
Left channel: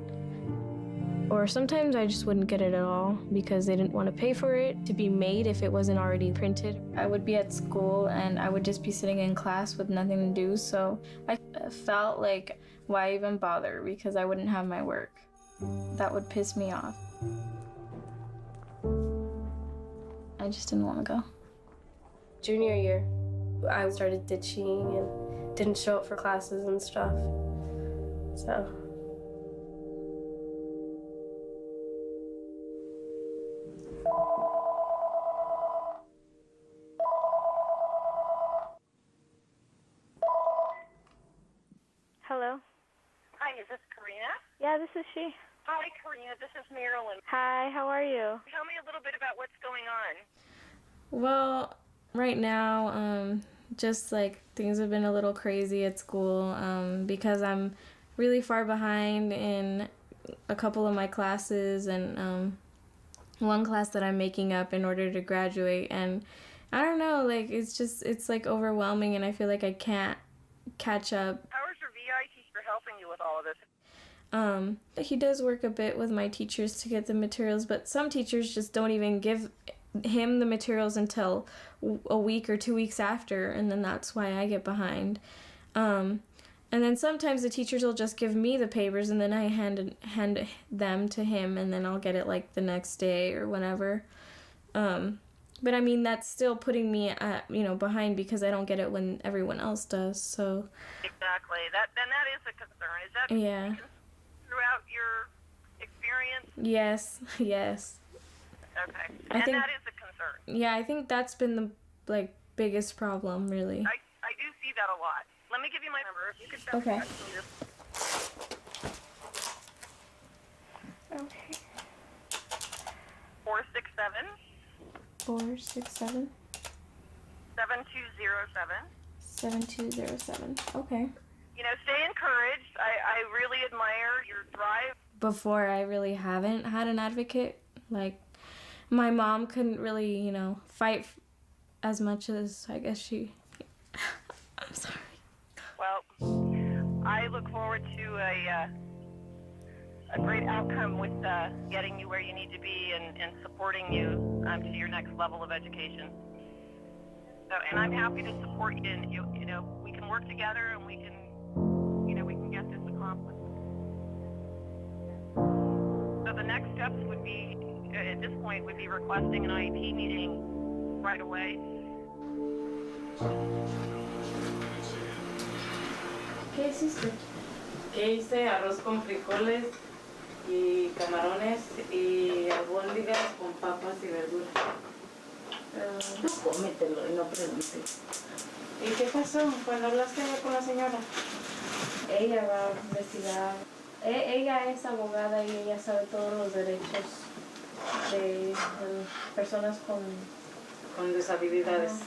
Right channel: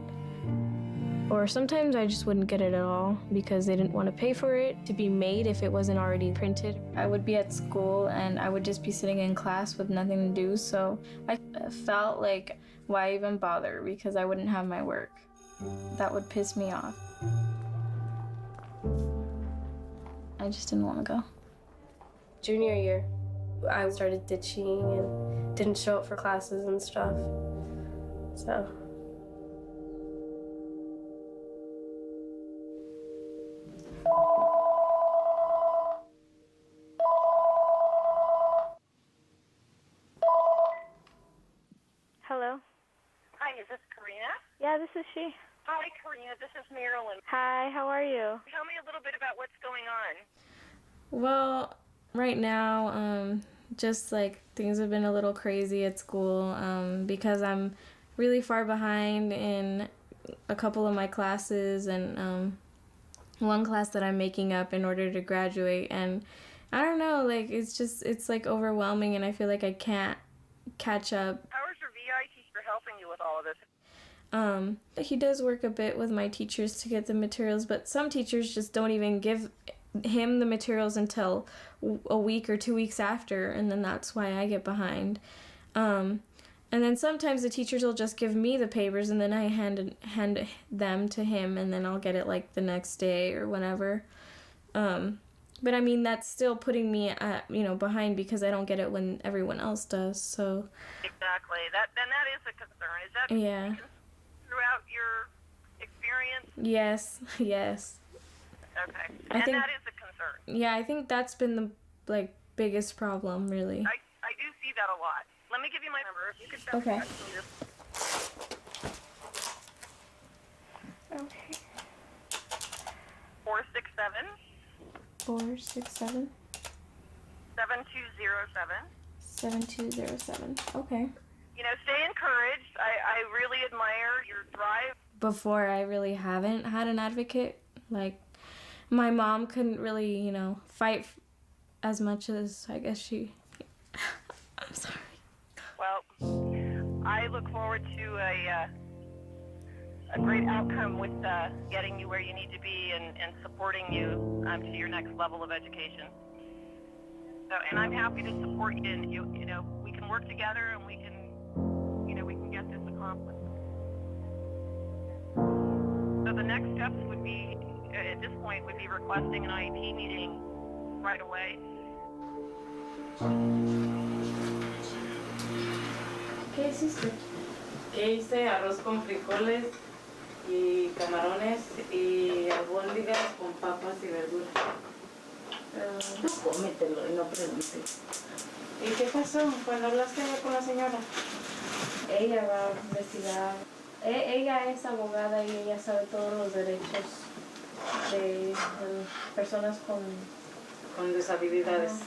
Or sometimes I just wouldn't get it at all because they didn't want to pay for it to be made if it wasn't already printed. I would be at school and I would just be sitting in class with nothing to do, so I felt like, why even bother, because I wouldn't have my work. That would piss me off. I just didn't want to go. Junior year, I started ditching and didn't show up for classes and stuff, so. Hello. Hi, is this Karina? Yeah, this is she. Hi, Karina. This is Marilyn. Hi, how are you? Tell me a little bit about what's going on. Well, right now, just like things have been a little crazy at school because I'm really far behind in a couple of my classes and one class that I'm making up in order to graduate. And I don't know, like it's like overwhelming and I feel like I can't catch up. How is your VI teacher helping you with all of this? He does work a bit with my teachers to get the materials, but some teachers just don't even give him the materials until a week or 2 weeks after, and then that's why I get behind. And then sometimes the teachers will just give me the papers and then I hand them to him and then I'll get it like the next day or whenever. But I mean, that's still putting me behind because I don't get it when everyone else does, so. Exactly. That is a concern. Is that yeah. Throughout your experience? Yes. Okay. And that is a concern. Yeah, I think that's been the biggest problem, really. I do see that a lot. Let me give you my number. If you could send Okay. me Okay. 467 467 7207. 7207. Okay. You know, stay encouraged. I really admire your drive. Before, I really haven't had an advocate. Like, my mom couldn't really, fight as much as I guess she. I'm sorry. Well, I look forward to a great outcome with getting you where you need to be and supporting you to your next level of education. So, and I'm happy to support you. And we can work together and we can get this accomplished. So the next steps would be, at this point, would be requesting an IEP meeting right away. ¿Qué hiciste? ¿Qué hice? Arroz con frijoles y camarones y albóndigas con papas y verduras. Tú cómetelo y no preguntes. ¿Y qué pasó cuando hablaste con la señora? Ella va a investigar. Ella es abogada y ella sabe todos los derechos de personas con deshabilidades.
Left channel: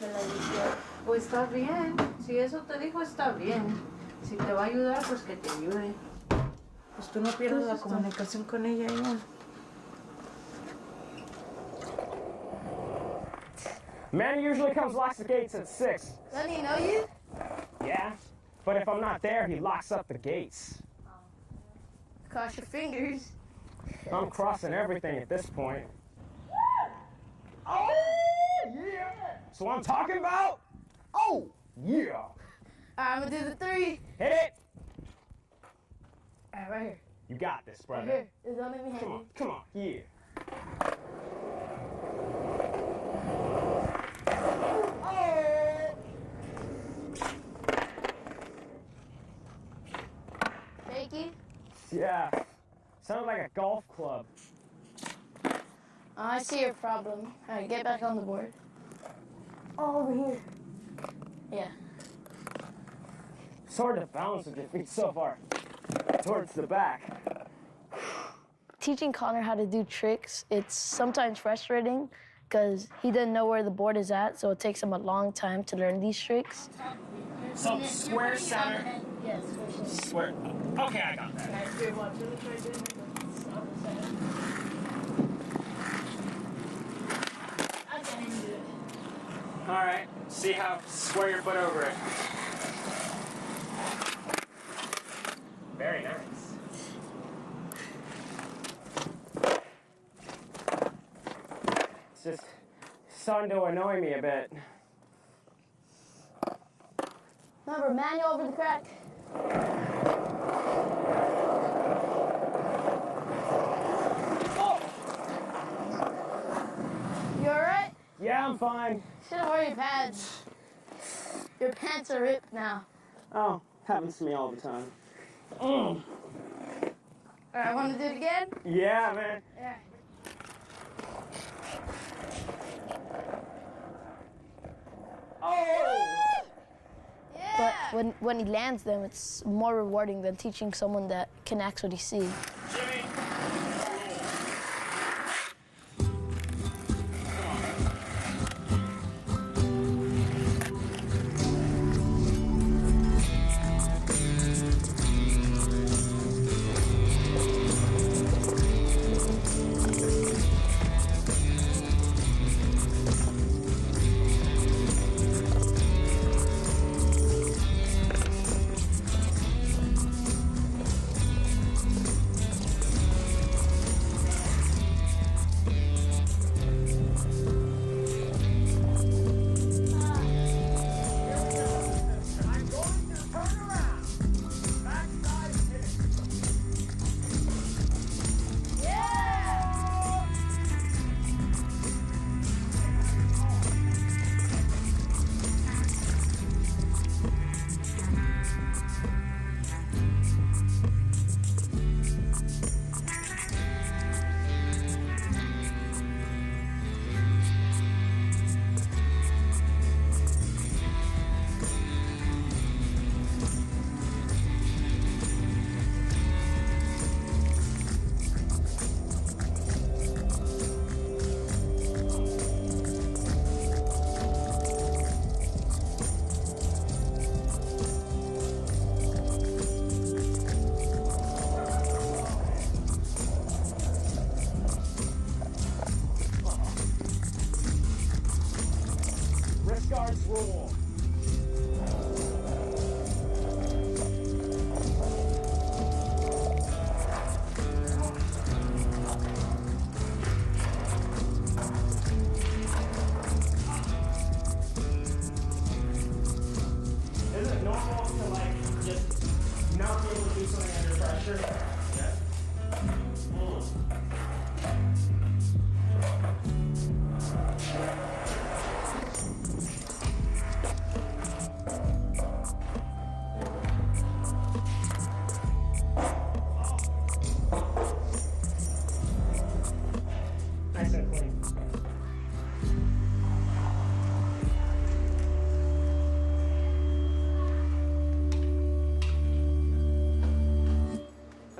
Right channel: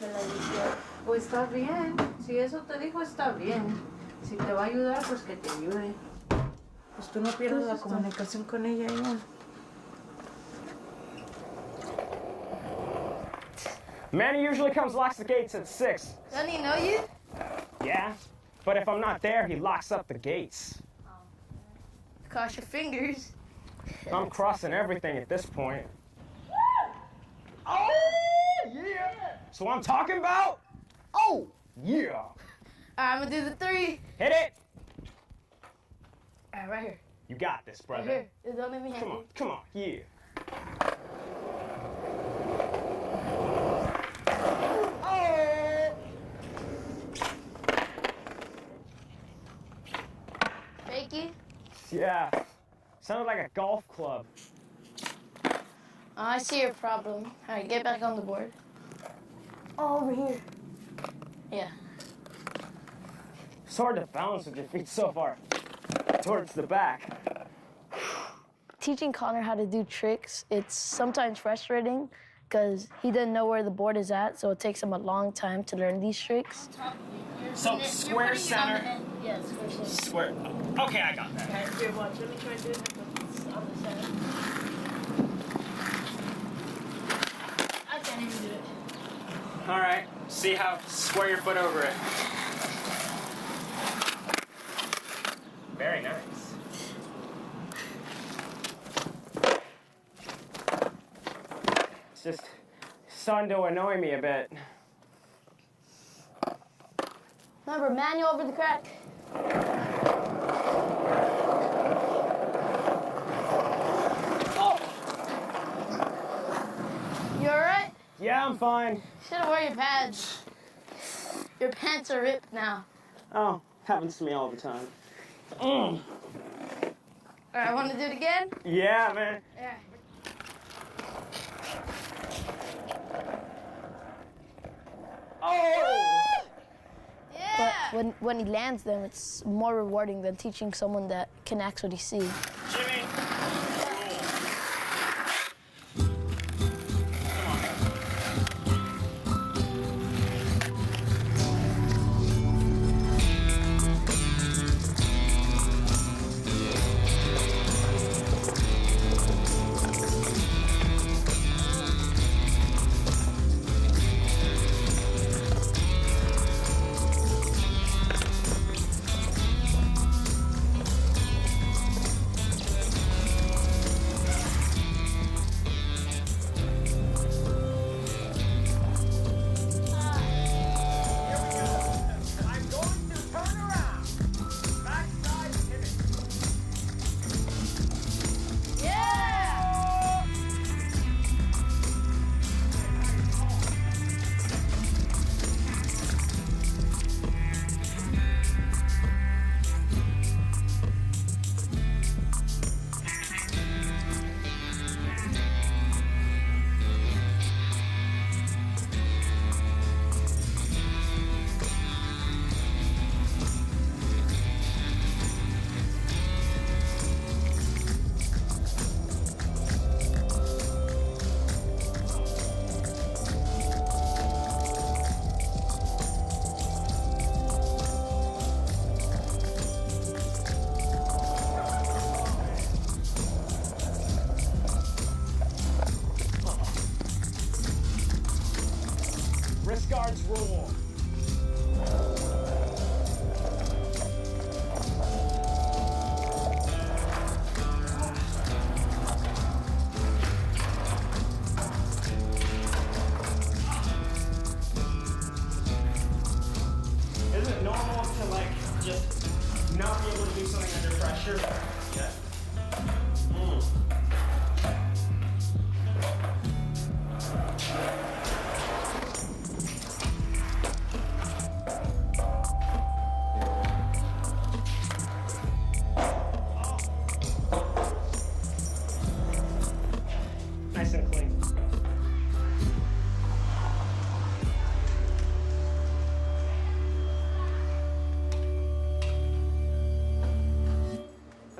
De la visión. Pues está bien. Si eso te dijo, está bien. Si te va a ayudar, pues que te ayude. Pues tú no pierdas la comunicación con ella, ella. Manny usually comes, locks the gates at 6. Doesn't he know you? Yeah, but if I'm not there, he locks up the gates. Cross your fingers. I'm crossing everything at this point. Oh, yeah! So I'm talking about? Oh, yeah! All right, I'm gonna do the 3. Hit it! All right, right here. You got this, brother. Right here. Don't let me hang you. Come on, yeah. Fakey? Yeah, sounded like a golf club. I see your problem. All right, get back on the board. Oh, over here. Yeah. It's hard to balance with your feet so far towards the back. Teaching Connor how to do tricks, it's sometimes frustrating because he doesn't know where the board is at, so it takes him a long time to learn these tricks. So square center. Yeah, square center. Square. Okay, I got that. All right, here, watch. Let me try doing it on the side. I can't even do it. All right, see how square your foot over it. Very nice. It's just starting to annoy me a bit. Remember, manual over the crack. Oh! You all right? Yeah, I'm fine. Should've worn your pads. Your pants are ripped now. Oh, happens to me all the time. All right, want to do it again? Yeah, man. Yeah. Oh! Yeah. But when he lands them, it's more rewarding than teaching someone that can actually see. Jimmy! Wrist guards rule. Is it normal to like just not be able to do something under pressure? Yeah.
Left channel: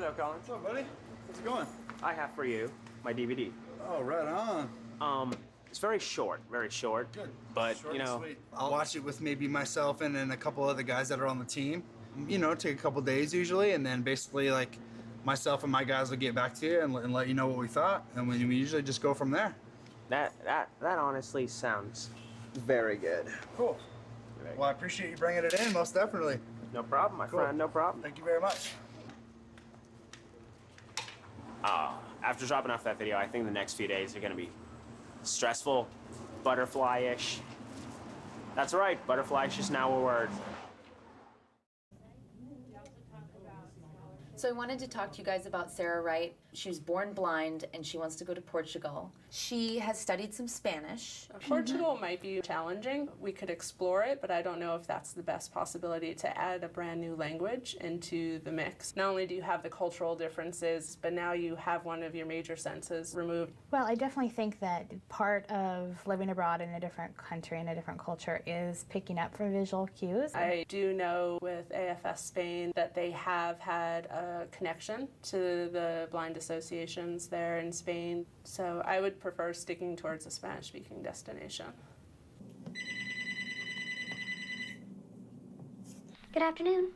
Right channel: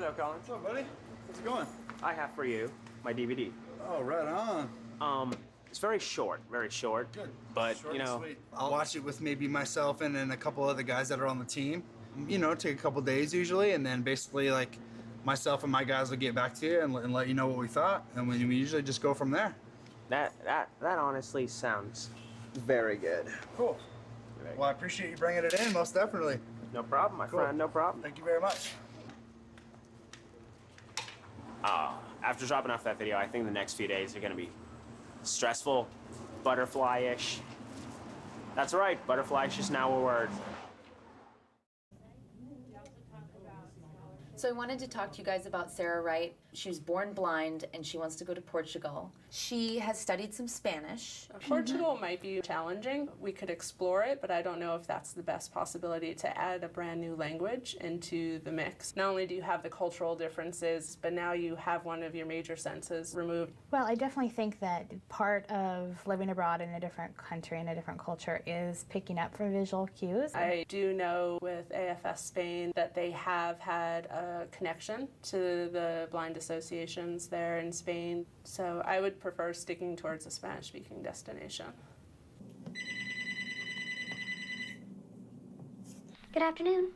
Hello, Colin. What's up, buddy? How's it going? I have for you my DVD. Oh, right on. It's very short, Good. but Short you and know, sweet. I'll watch it with maybe myself and then a couple other guys that are on the team. You know, take a couple days usually, and then basically like myself and my guys will get back to you and let you know what we thought, and we usually just go from there. that honestly sounds very good. Cool. Well, I appreciate you bringing it in, most definitely. No problem, my Cool. friend. No problem. Thank you very much. After dropping off that video, I think the next few days are gonna be stressful, butterfly-ish. That's right, butterfly-ish is now a word. So I wanted to talk to you guys about Sarah Wright. She was born blind and she wants to go to Portugal. She has studied some Spanish. Portugal might be challenging. We could explore it, but I don't know if that's the best possibility to add a brand new language into the mix. Not only do you have the cultural differences, but now you have one of your major senses removed. Well, I definitely think that part of living abroad in a different country and a different culture is picking up from visual cues. I do know with AFS Spain that they have had a connection to the blind associations there in Spain, so I would prefer sticking towards a Spanish-speaking destination. Good afternoon.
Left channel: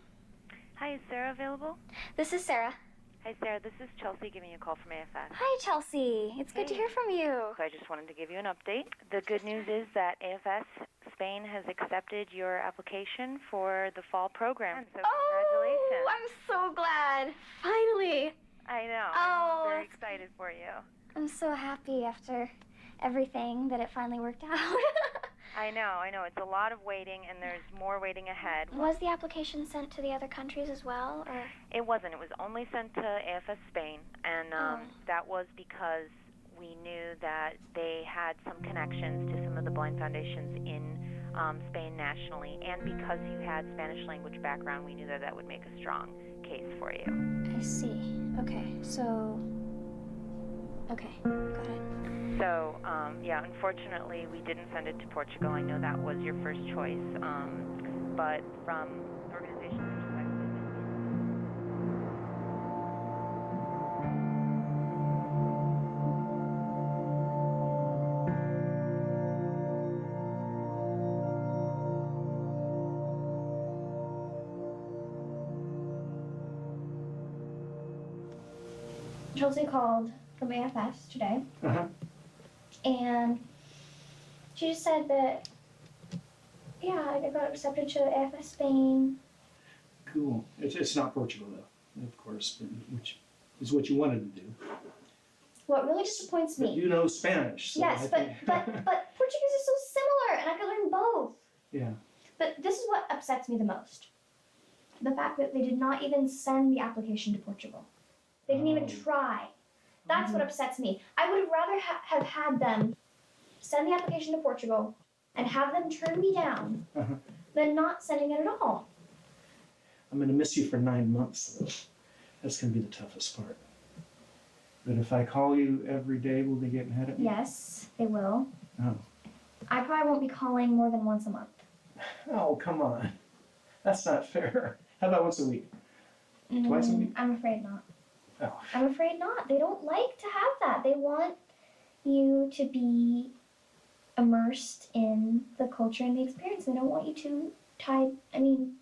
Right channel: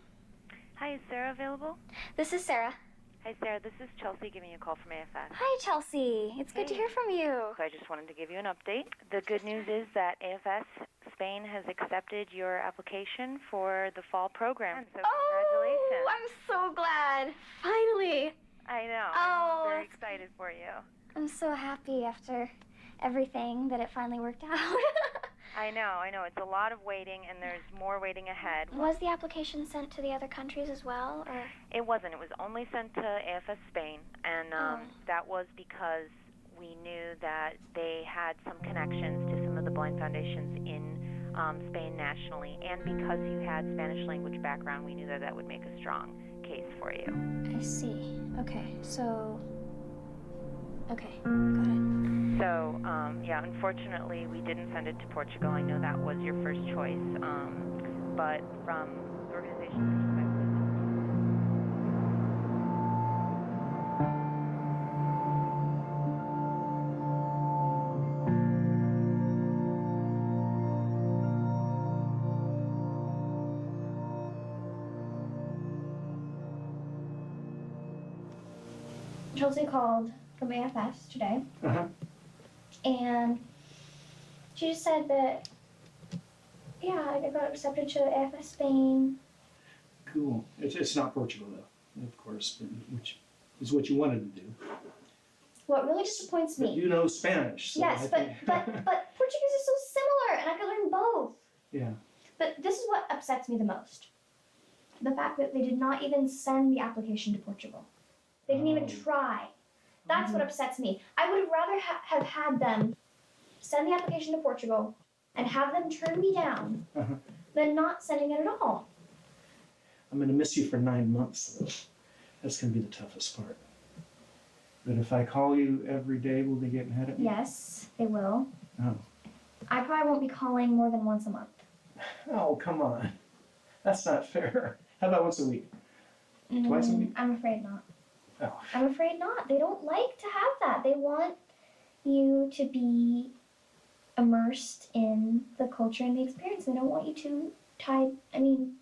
Hi, is Sarah available? This is Sarah. Hi, Sarah. This is Chelsea giving you a call from AFS. Hi, Chelsea. It's good to hear from you. So I just wanted to give you an update. The good news is that AFS Spain has accepted your application for the fall program. So congratulations. Oh, I'm so glad. Finally. I know. Oh, I'm very excited for you. I'm so happy after everything that it finally worked out. I know. It's a lot of waiting, and there's more waiting ahead. Was the application sent to the other countries as well, or? It wasn't. It was only sent to AFS Spain, and that was because we knew that they had some connections to some of the blind foundations in Spain nationally, and because you had Spanish language background, we knew that that would make a strong case for you. I see. Okay, so... Okay, got it. So, yeah, unfortunately, we didn't send it to Portugal. I know that was your first choice, but from the organization's perspective... Chelsea called from AFS today, and she just said that, yeah, I got accepted to AFS Spain. Cool. It's not Portugal, though, of course, which is what you wanted to do. What really disappoints me. But you know Spanish. So Yes, but Portuguese is so similar, and I could learn both. Yeah. But this is what upsets me the most. The fact that they did not even send the application to Portugal. They didn't even try. That's what upsets me. I would have rather have had them send the application to Portugal and have them turn me down than not sending it at all. I'm going to miss you for 9 months, though. That's going to be the toughest part. But if I call you every day, will they get mad at me? Yes, they will. Oh. I probably won't be calling more than once a month. Oh, come on. That's not fair. How about once a week? Twice a week? I'm afraid not. Oh. I'm afraid not. They don't like to have that. They want you to be immersed in the culture and the experience. They don't want you to tie... I mean,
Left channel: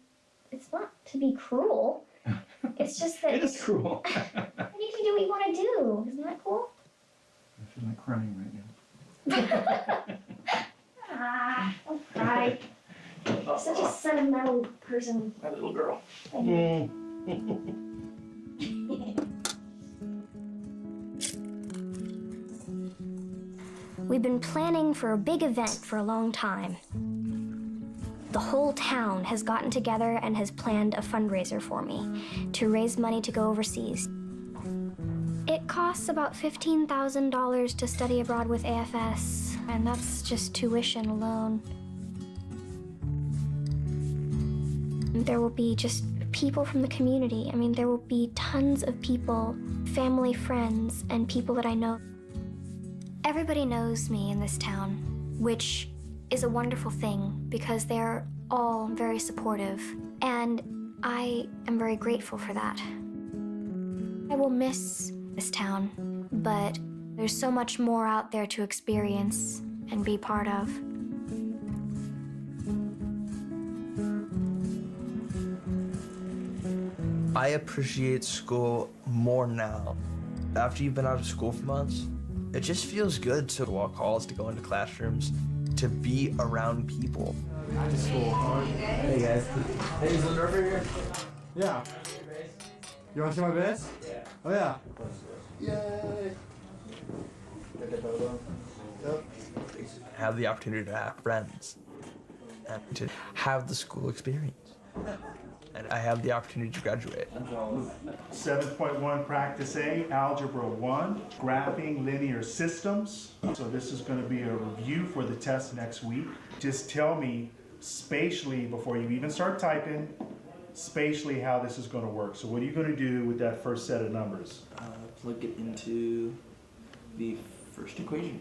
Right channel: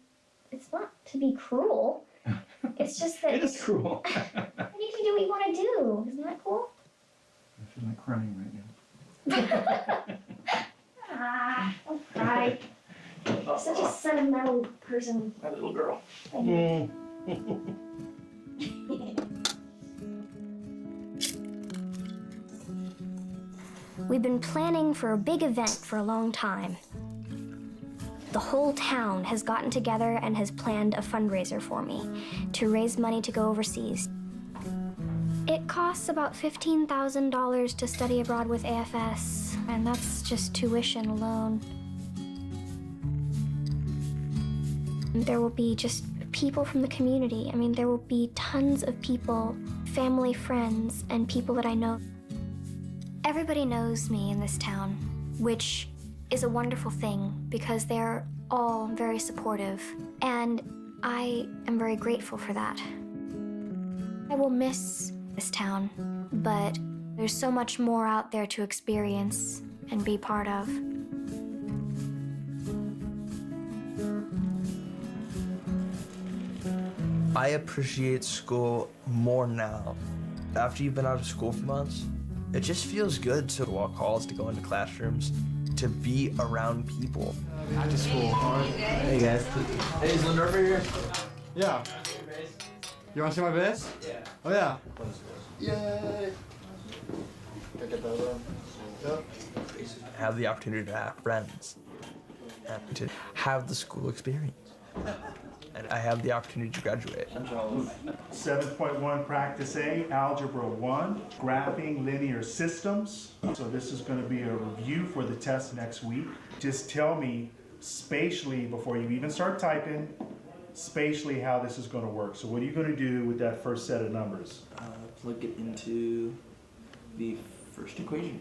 it's not to be cruel. It's just that... It is cruel. You can do what you want to do. Isn't that cool? I feel like crying right now. Don't cry. Such a sentimental person. My little girl. We've been planning for a big event for a long time. The whole town has gotten together and has planned a fundraiser for me to raise money to go overseas. It costs about $15,000 to study abroad with AFS, and that's just tuition alone. There will be just people from the community. I mean, there will be tons of people, family, friends, and people that I know. Everybody knows me in this town, which is a wonderful thing because they're all very supportive, and I am very grateful for that. I will miss this town, but there's so much more out there to experience and be part of. I appreciate school more now. After you've been out of school for months, it just feels good to walk halls, to go into classrooms, to be around people. After school, all right? Hey guys. Hey, is Lindorfer here? Yeah. You want to see my bass? Yeah. Oh yeah. Yay! Yep. Have the opportunity to have friends and to have the school experience. And I have the opportunity to graduate. 7.1 Practice A, Algebra 1, Graphing Linear Systems. So this is going to be a review for the test next week. Just tell me spatially, before you even start typing, spatially how this is going to work. So what are you going to do with that first set of numbers? Plug it into the first equation.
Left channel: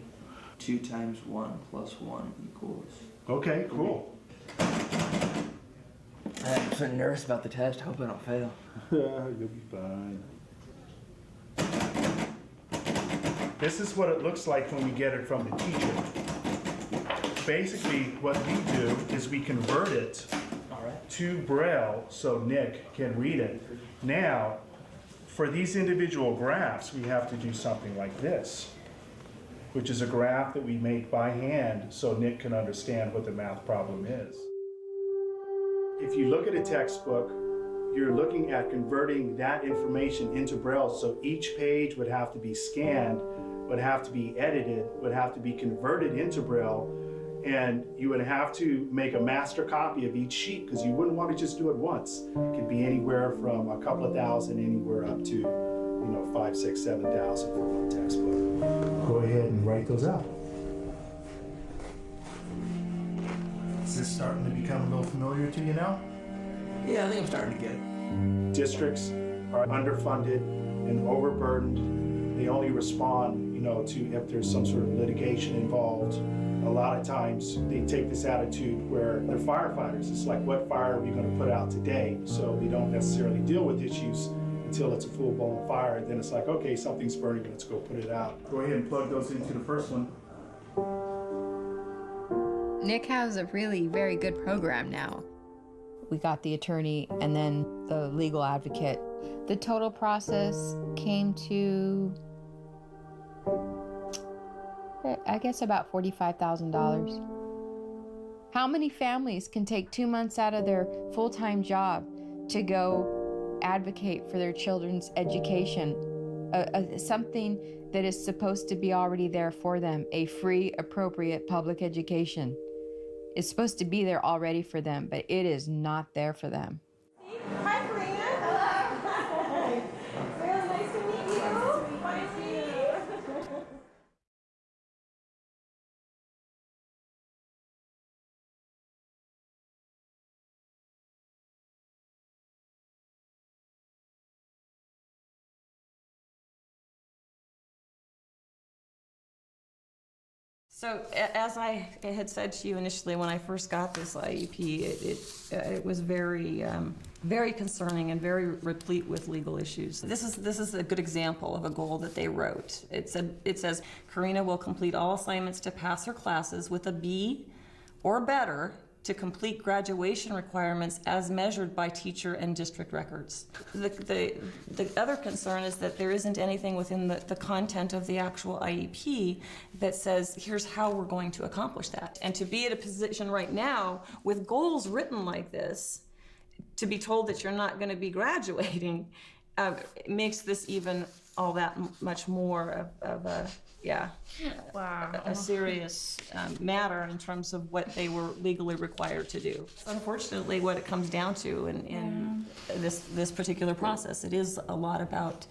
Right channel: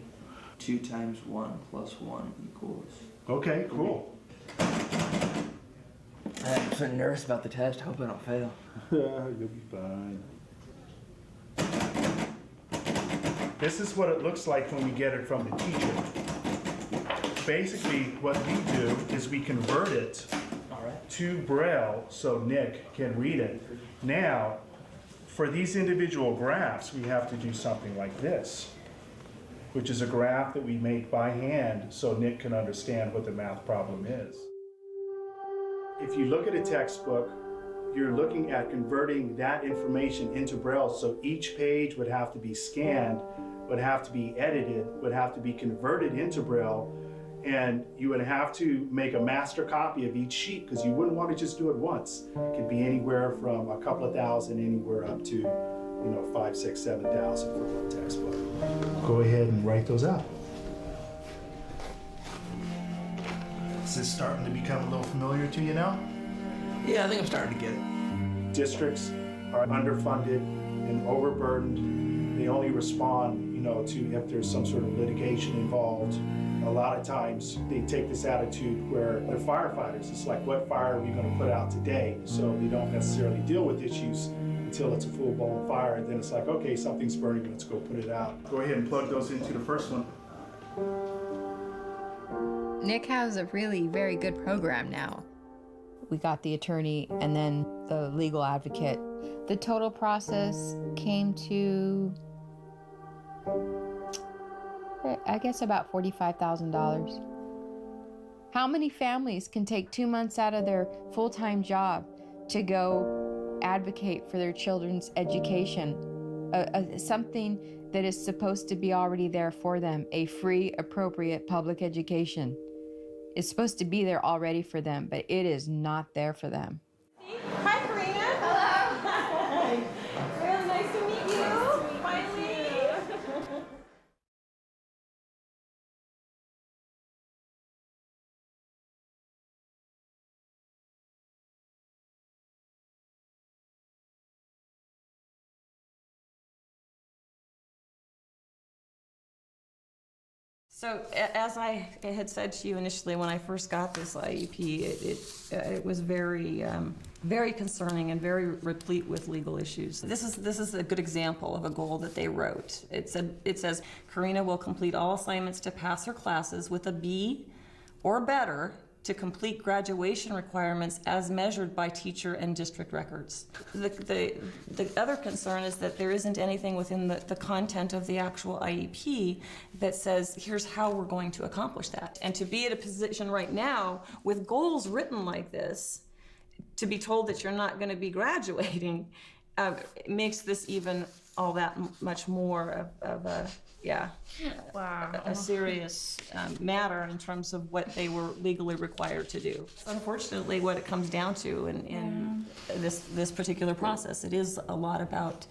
2 times 1 plus 1 equals... Okay, cool. I'm so nervous about the test. Hope I don't fail. You'll be fine. This is what it looks like when we get it from the teacher. Basically, what we do is we convert it to Braille so Nick can read it. Now, for these individual graphs, we have to do something like this, which is a graph that we make by hand so Nick can understand what the math problem is. If you look at a textbook, you're looking at converting that information into Braille, so each page would have to be scanned, would have to be edited, would have to be converted into Braille, and you would have to make a master copy of each sheet because you wouldn't want to just do it once. It could be anywhere from a couple of thousand, anywhere up to, 5, 6, 7,000 for one textbook. Go ahead and write those out. Is this starting to become a little familiar to you now? Yeah, I think I'm starting to get it. Districts are underfunded and overburdened. They only respond, to if there's some sort of litigation involved. A lot of times they take this attitude where they're firefighters. It's like, what fire are we going to put out today? So they don't necessarily deal with issues until it's a full-blown fire. And then it's like, okay, something's burning, let's go put it out. Go ahead and plug those into the first one. Nick has a really very good program now. We got the attorney and then the legal advocate. The total process came to, I guess, about $45,000. How many families can take 2 months out of their full-time job to go advocate for their children's education? Something that is supposed to be already there for them, a free, appropriate public education. It's supposed to be there already for them, but it is not there for them. Hi, Karina. Hello. Hi. Really nice to meet you. Finally. So as I had said to you initially when I first got this IEP, it was very, very concerning and very replete with legal issues. This is a good example of a goal that they wrote. It says, Karina will complete all assignments to pass her classes with a B or better to complete graduation requirements as measured by teacher and district records. The other concern is that there isn't anything within the content of the actual IEP that says, here's how we're going to accomplish that. And to be at a position right now with goals written like this, to be told that you're not going to be graduating, makes this even all that much more of a serious matter in terms of what they were legally required to do. Unfortunately, what it comes down to in this particular process, it is a lot about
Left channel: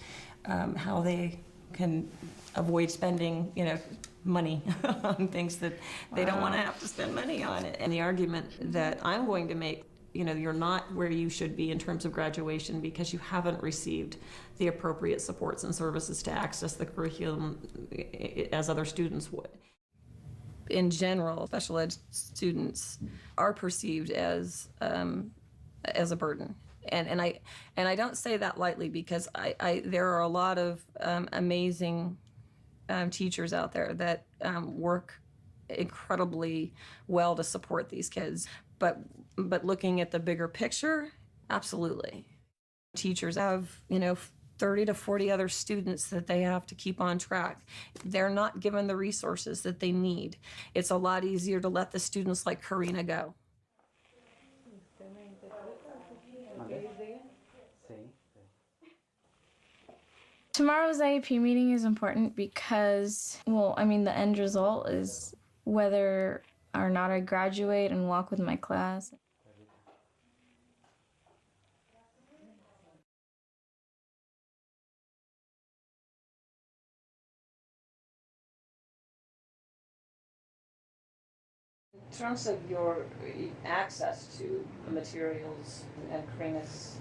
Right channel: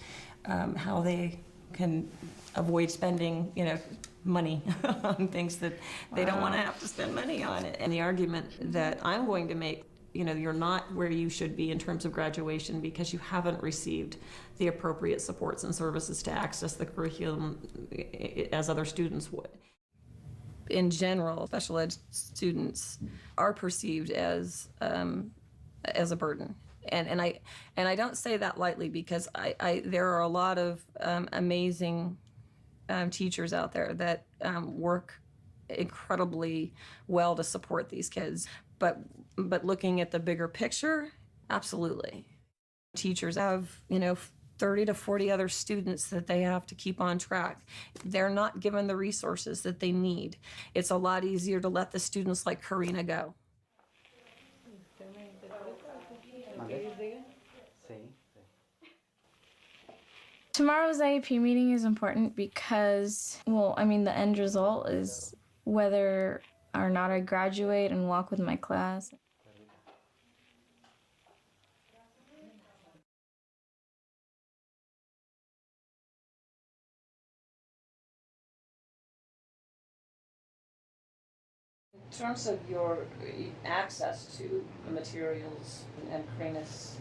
how they can avoid spending, money on things that they don't want to have to spend money on. And the argument that I'm going to make, you're not where you should be in terms of graduation because you haven't received the appropriate supports and services to access the curriculum as other students would. In general, special ed students are perceived as a burden. And I don't say that lightly, because there are a lot of amazing teachers out there that work incredibly well to support these kids. But looking at the bigger picture, absolutely. Teachers have, 30 to 40 other students that they have to keep on track. They're not given the resources that they need. It's a lot easier to let the students like Karina go. Tomorrow's IEP meeting is important because, well, I mean, the end result is whether or not I graduate and walk with my class. In terms of your access to the materials and Karina's,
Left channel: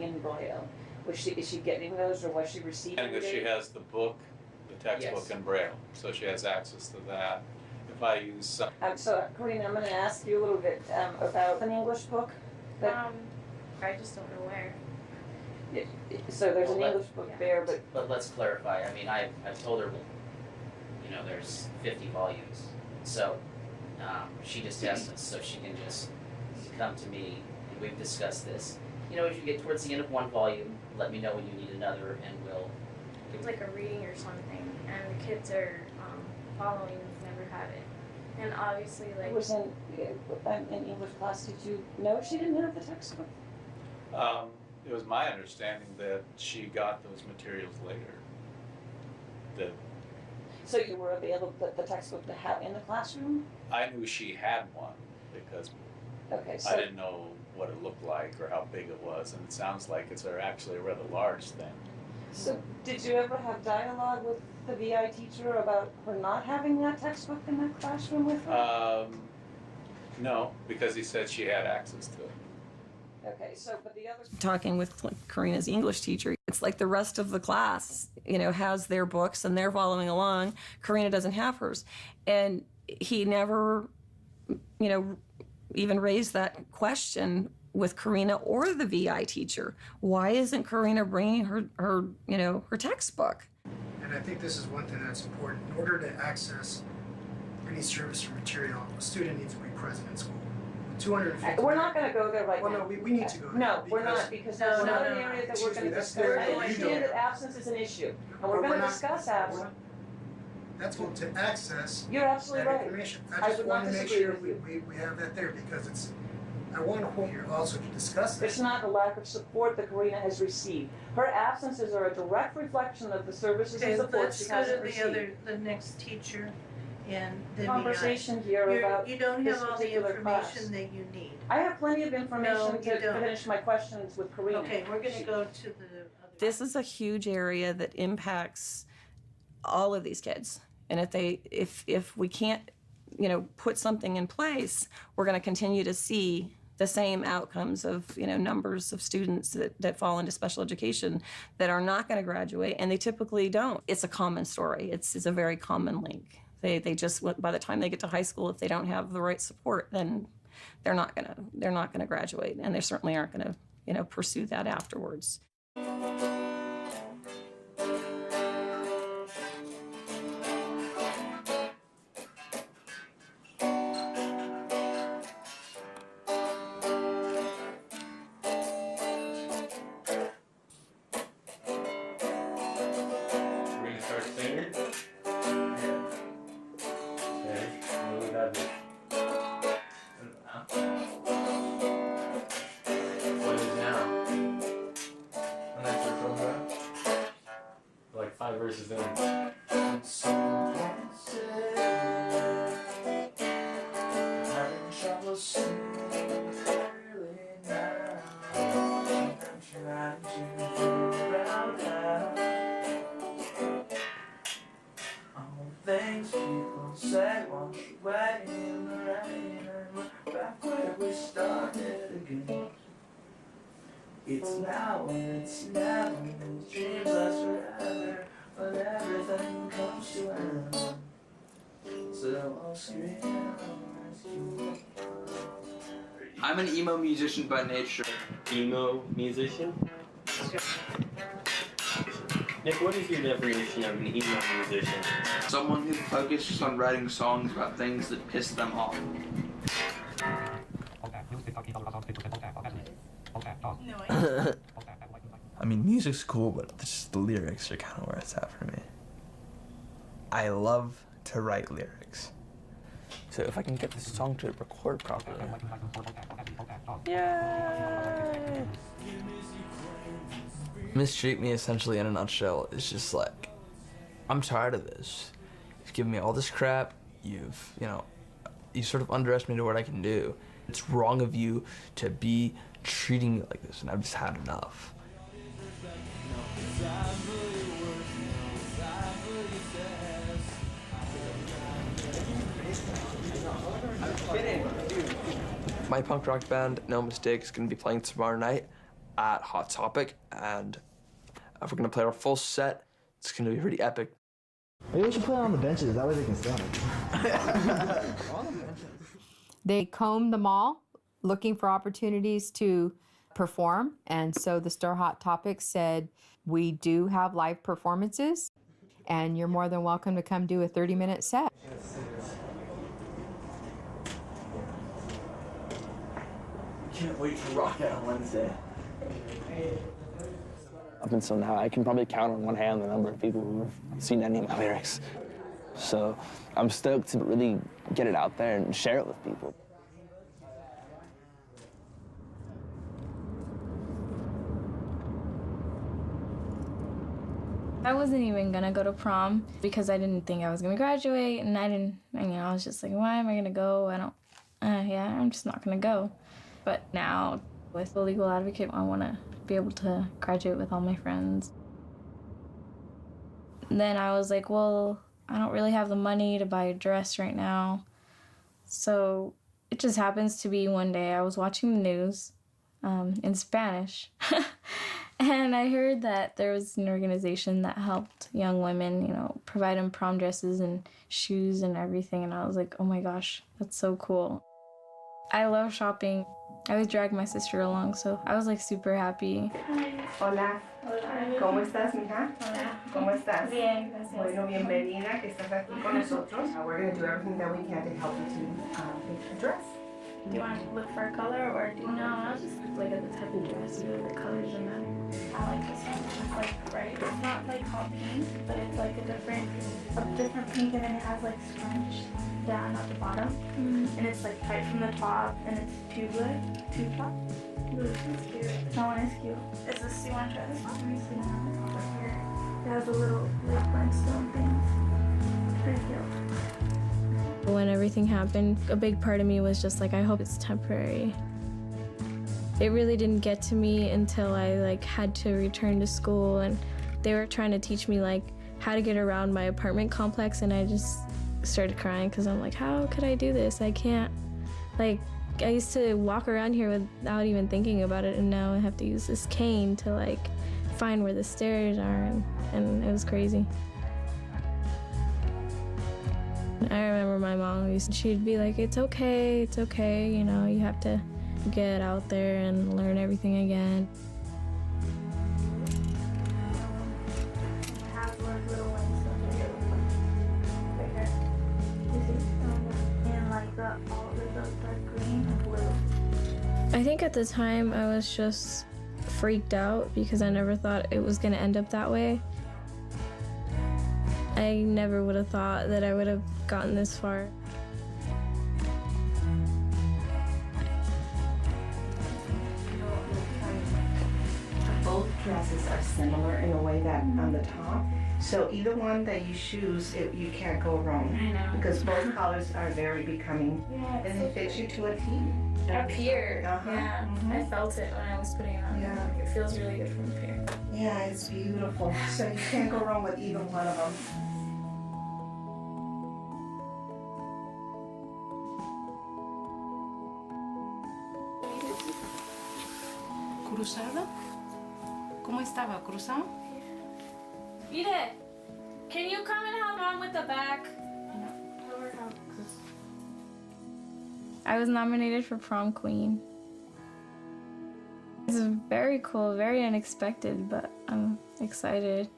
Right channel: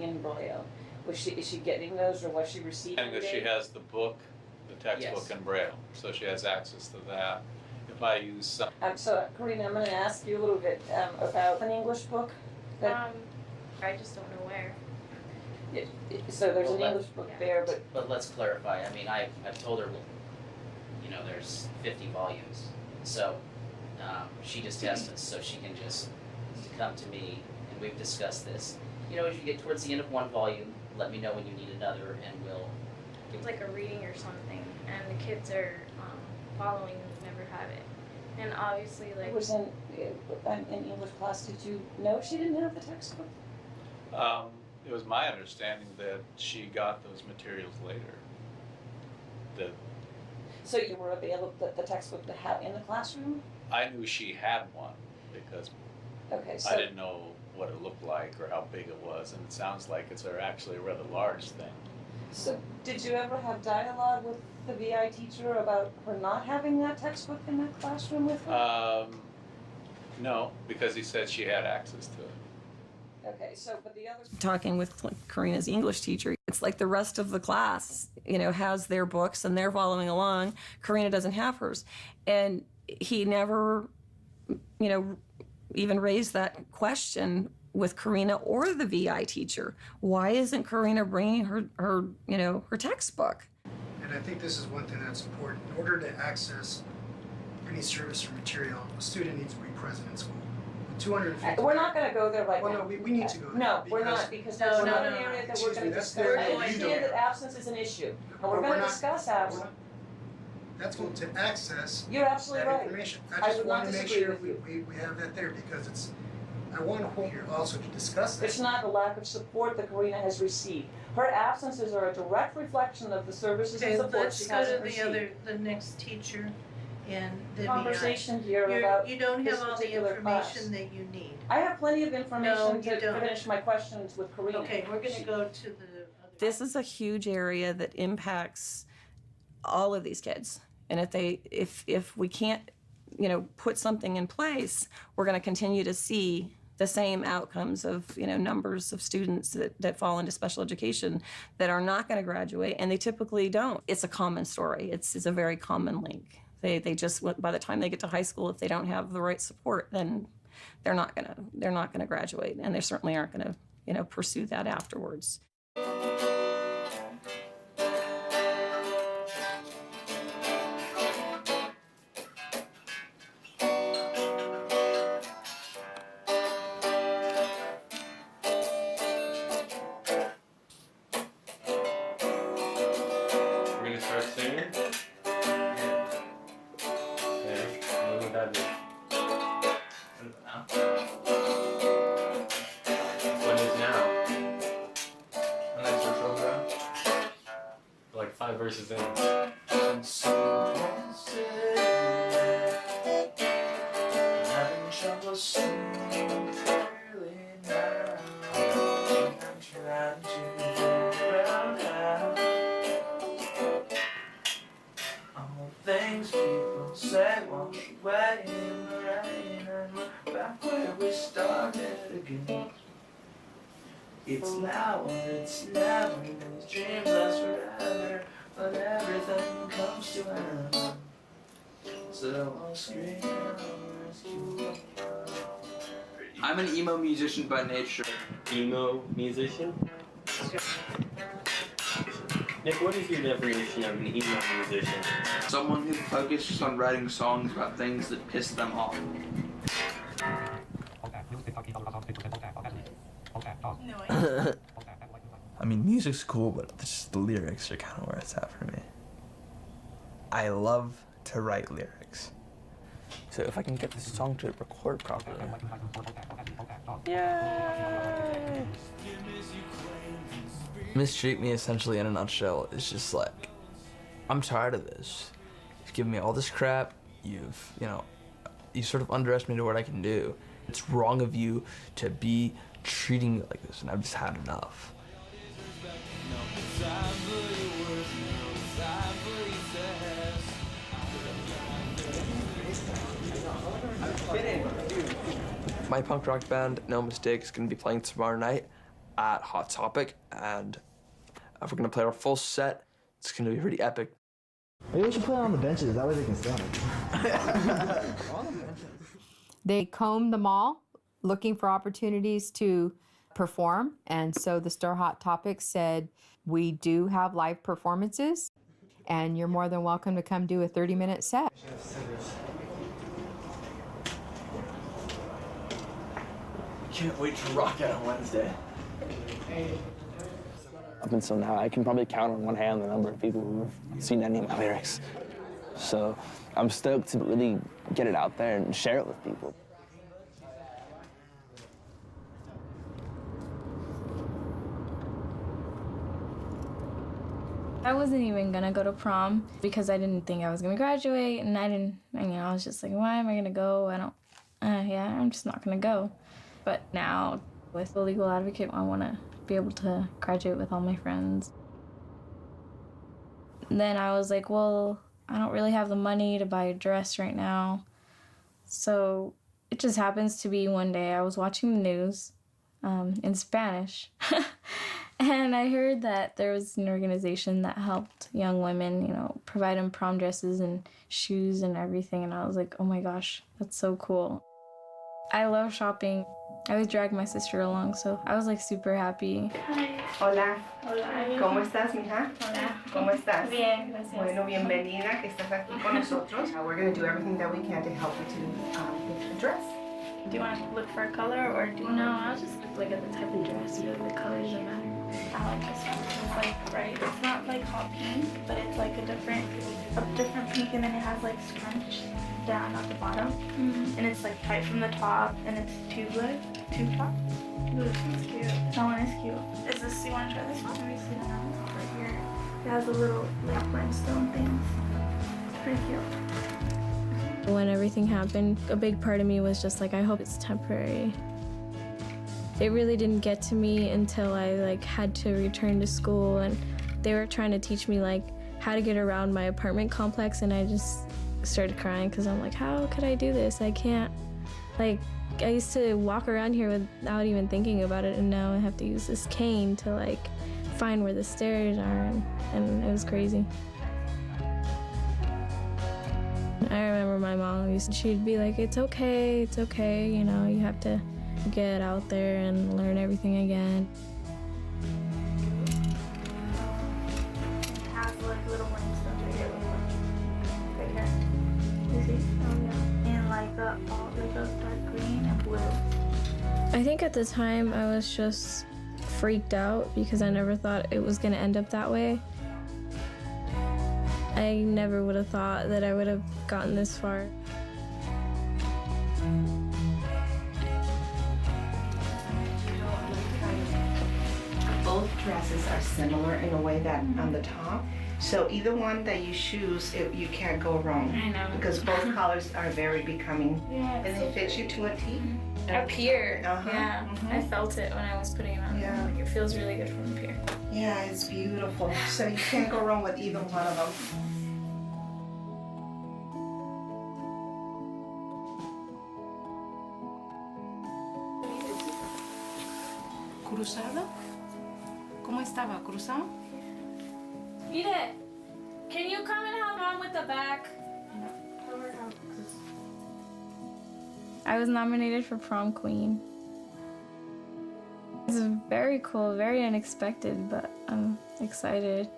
in Braille, is she getting those, or was she receiving And she has the book, the textbook in Braille, so she has access to that. If I use some... So, Karina, I'm going to ask you a little bit about an English book. I just don't know where. So there's an English book there, but... But let's clarify. I mean, I've told her, there's 50 volumes. So she just tests us, so she can just come to me, and we've discussed this. As you get towards the end of one volume, let me know when you need another, and we'll... It's like a reading or something, and the kids are following and never have it. And obviously, like... It was in English class. Did you know she didn't have the textbook? It was my understanding that she got those materials later. So you were available, the textbook to have in the classroom? I knew she had one because I didn't know what it looked like or how big it was, and it sounds like it's actually a rather large thing. So did you ever have dialogue with the VI teacher about her not having that textbook in that classroom with her? No, because he said she had access to it. Okay, so, but the other... Talking with Karina's English teacher, it's like the rest of the class, has their books and they're following along. Karina doesn't have hers. And he never, even raised that question with Karina or the VI teacher. Why isn't Karina bringing her textbook? And I think this is one thing that's important. In order to access any service or material, a student needs to be present in school. 250. We're not going to go there right now. No, we need to go there. No, we're not, because that's not an area that we're going to discuss. I understand that absence is an issue, and we're going to discuss absence. That's going to access You're absolutely that right. information. I just would want not to make disagree sure with you. we have that there, because it's. I want to hold here also to discuss that. It's not the lack of support that Karina has received. Her absences are a direct reflection of the services and support she hasn't received. The next teacher. And the conversation here about you don't this have all the particular information class. that you need. I have plenty of information No, to you don't. finish my questions with Karina. Okay, we're going to go to the other. This is a huge area that impacts all of these kids, and if we can't, put something in place, we're going to continue to see the same outcomes of numbers of students that fall into special education that are not going to graduate, and they typically don't. It's a common story. It's a very common link. They just, by the time they get to high school, if they don't have the right support, then they're not gonna graduate, and they certainly aren't gonna pursue that afterwards. We're gonna start singing. What is now? When I search on Braille. Like 5 verses in. Having trouble seeing clearly now. I'm trying to figure out how. All the things people say wash away in the rain, and we're back where we started again. It's now or it's never. These dreams last forever, but everything comes to an end. So I'll scream and I'll rescue for I'm an emo musician by nature. Emo musician? Nick, what is your definition of an emo musician? Someone who focuses on writing songs about things that piss them off. I mean, music's cool, but just the lyrics are kind of where it's at for me. I love to write lyrics. So if I can get this song to record properly. Yay! Mistreat Me essentially in a nutshell is just like, I'm tired of this. You've given me all this crap. You sort of underestimated what I can do. It's wrong of you to be treating me like this, and I've just had enough. My punk rock band, No Mistake, is going to be playing tomorrow night at Hot Topic, and if we're going to play our full set, it's going to be pretty epic. Maybe we should play on the benches, that way they can stand. They combed the mall looking for opportunities to perform, and so the store Hot Topic said, we do have live performances, and you're more than welcome to come do a 30-minute set. Can't wait to rock out on Wednesday. Up until now, I can probably count on one hand the number of people who've seen any of my lyrics. So I'm stoked to really get it out there and share it with people. I wasn't even gonna go to prom because I didn't think I was gonna graduate, and I was just like, why am I gonna go? I'm just not gonna go. But now, with the legal advocate, I wanna be able to graduate with all my friends. And then I was like, well, I don't really have the money to buy a dress right now. So it just happens to be one day I was watching the news in Spanish. And I heard that there was an organization that helped young women, provide them prom dresses and shoes and everything. And I was like, oh my gosh, that's so cool. I love shopping. I always drag my sister along, so I was like super happy. Hi. Hola. Hola. ¿Cómo estás, mija? Hola. ¿Cómo estás? Bien, gracias. Bueno, bienvenida, que estás aquí con nosotros. We're going to do everything that we can to help you to get a dress. Do you want to look for a color, or do you want? No, I'll just look at the type of dress. Really, the color doesn't matter. I like this one. It's like bright. It's not like hot pink, but it's like a different pink, and then it has like scrunch down at the bottom, and it's like tight from the top, and it's tube top. Ooh, this one's cute. That one is cute. Is this? You want to try this one? Let me see. Right here. It has a little like rhinestone things. It's pretty cute. When everything happened, a big part of me was just like, I hope it's temporary. It really didn't get to me until I had to return to school, and they were trying to teach me how to get around my apartment complex, and I just started crying because I'm like, how could I do this? I can't. I used to walk around here without even thinking about it, and now I have to use this cane to find where the stairs are, and it was crazy. I remember my mom, she'd be like, it's okay, you have to get out there and learn everything again. It has little rhinestones right here, right here. You see? Oh yeah. And a dark green and blue. I think at the time I was just freaked out because I never thought it was gonna end up that way. I never would have thought that I would have gotten this far. Both dresses are similar in a way that on the top. So either one that you choose, you can't go wrong. I know. Because both colors are very becoming. Yeah, and they fit you to a T. Up here, yeah. I felt it when I was putting it on. Yeah. It feels really good from up here. Yeah, it's beautiful. So you can't go wrong with either one of them. ¿Cruzado? ¿Cómo estaba? ¿Cruzado? Ide, can you come and help Mom with the back? I was nominated for prom queen, It's very cool, very unexpected, but I'm excited.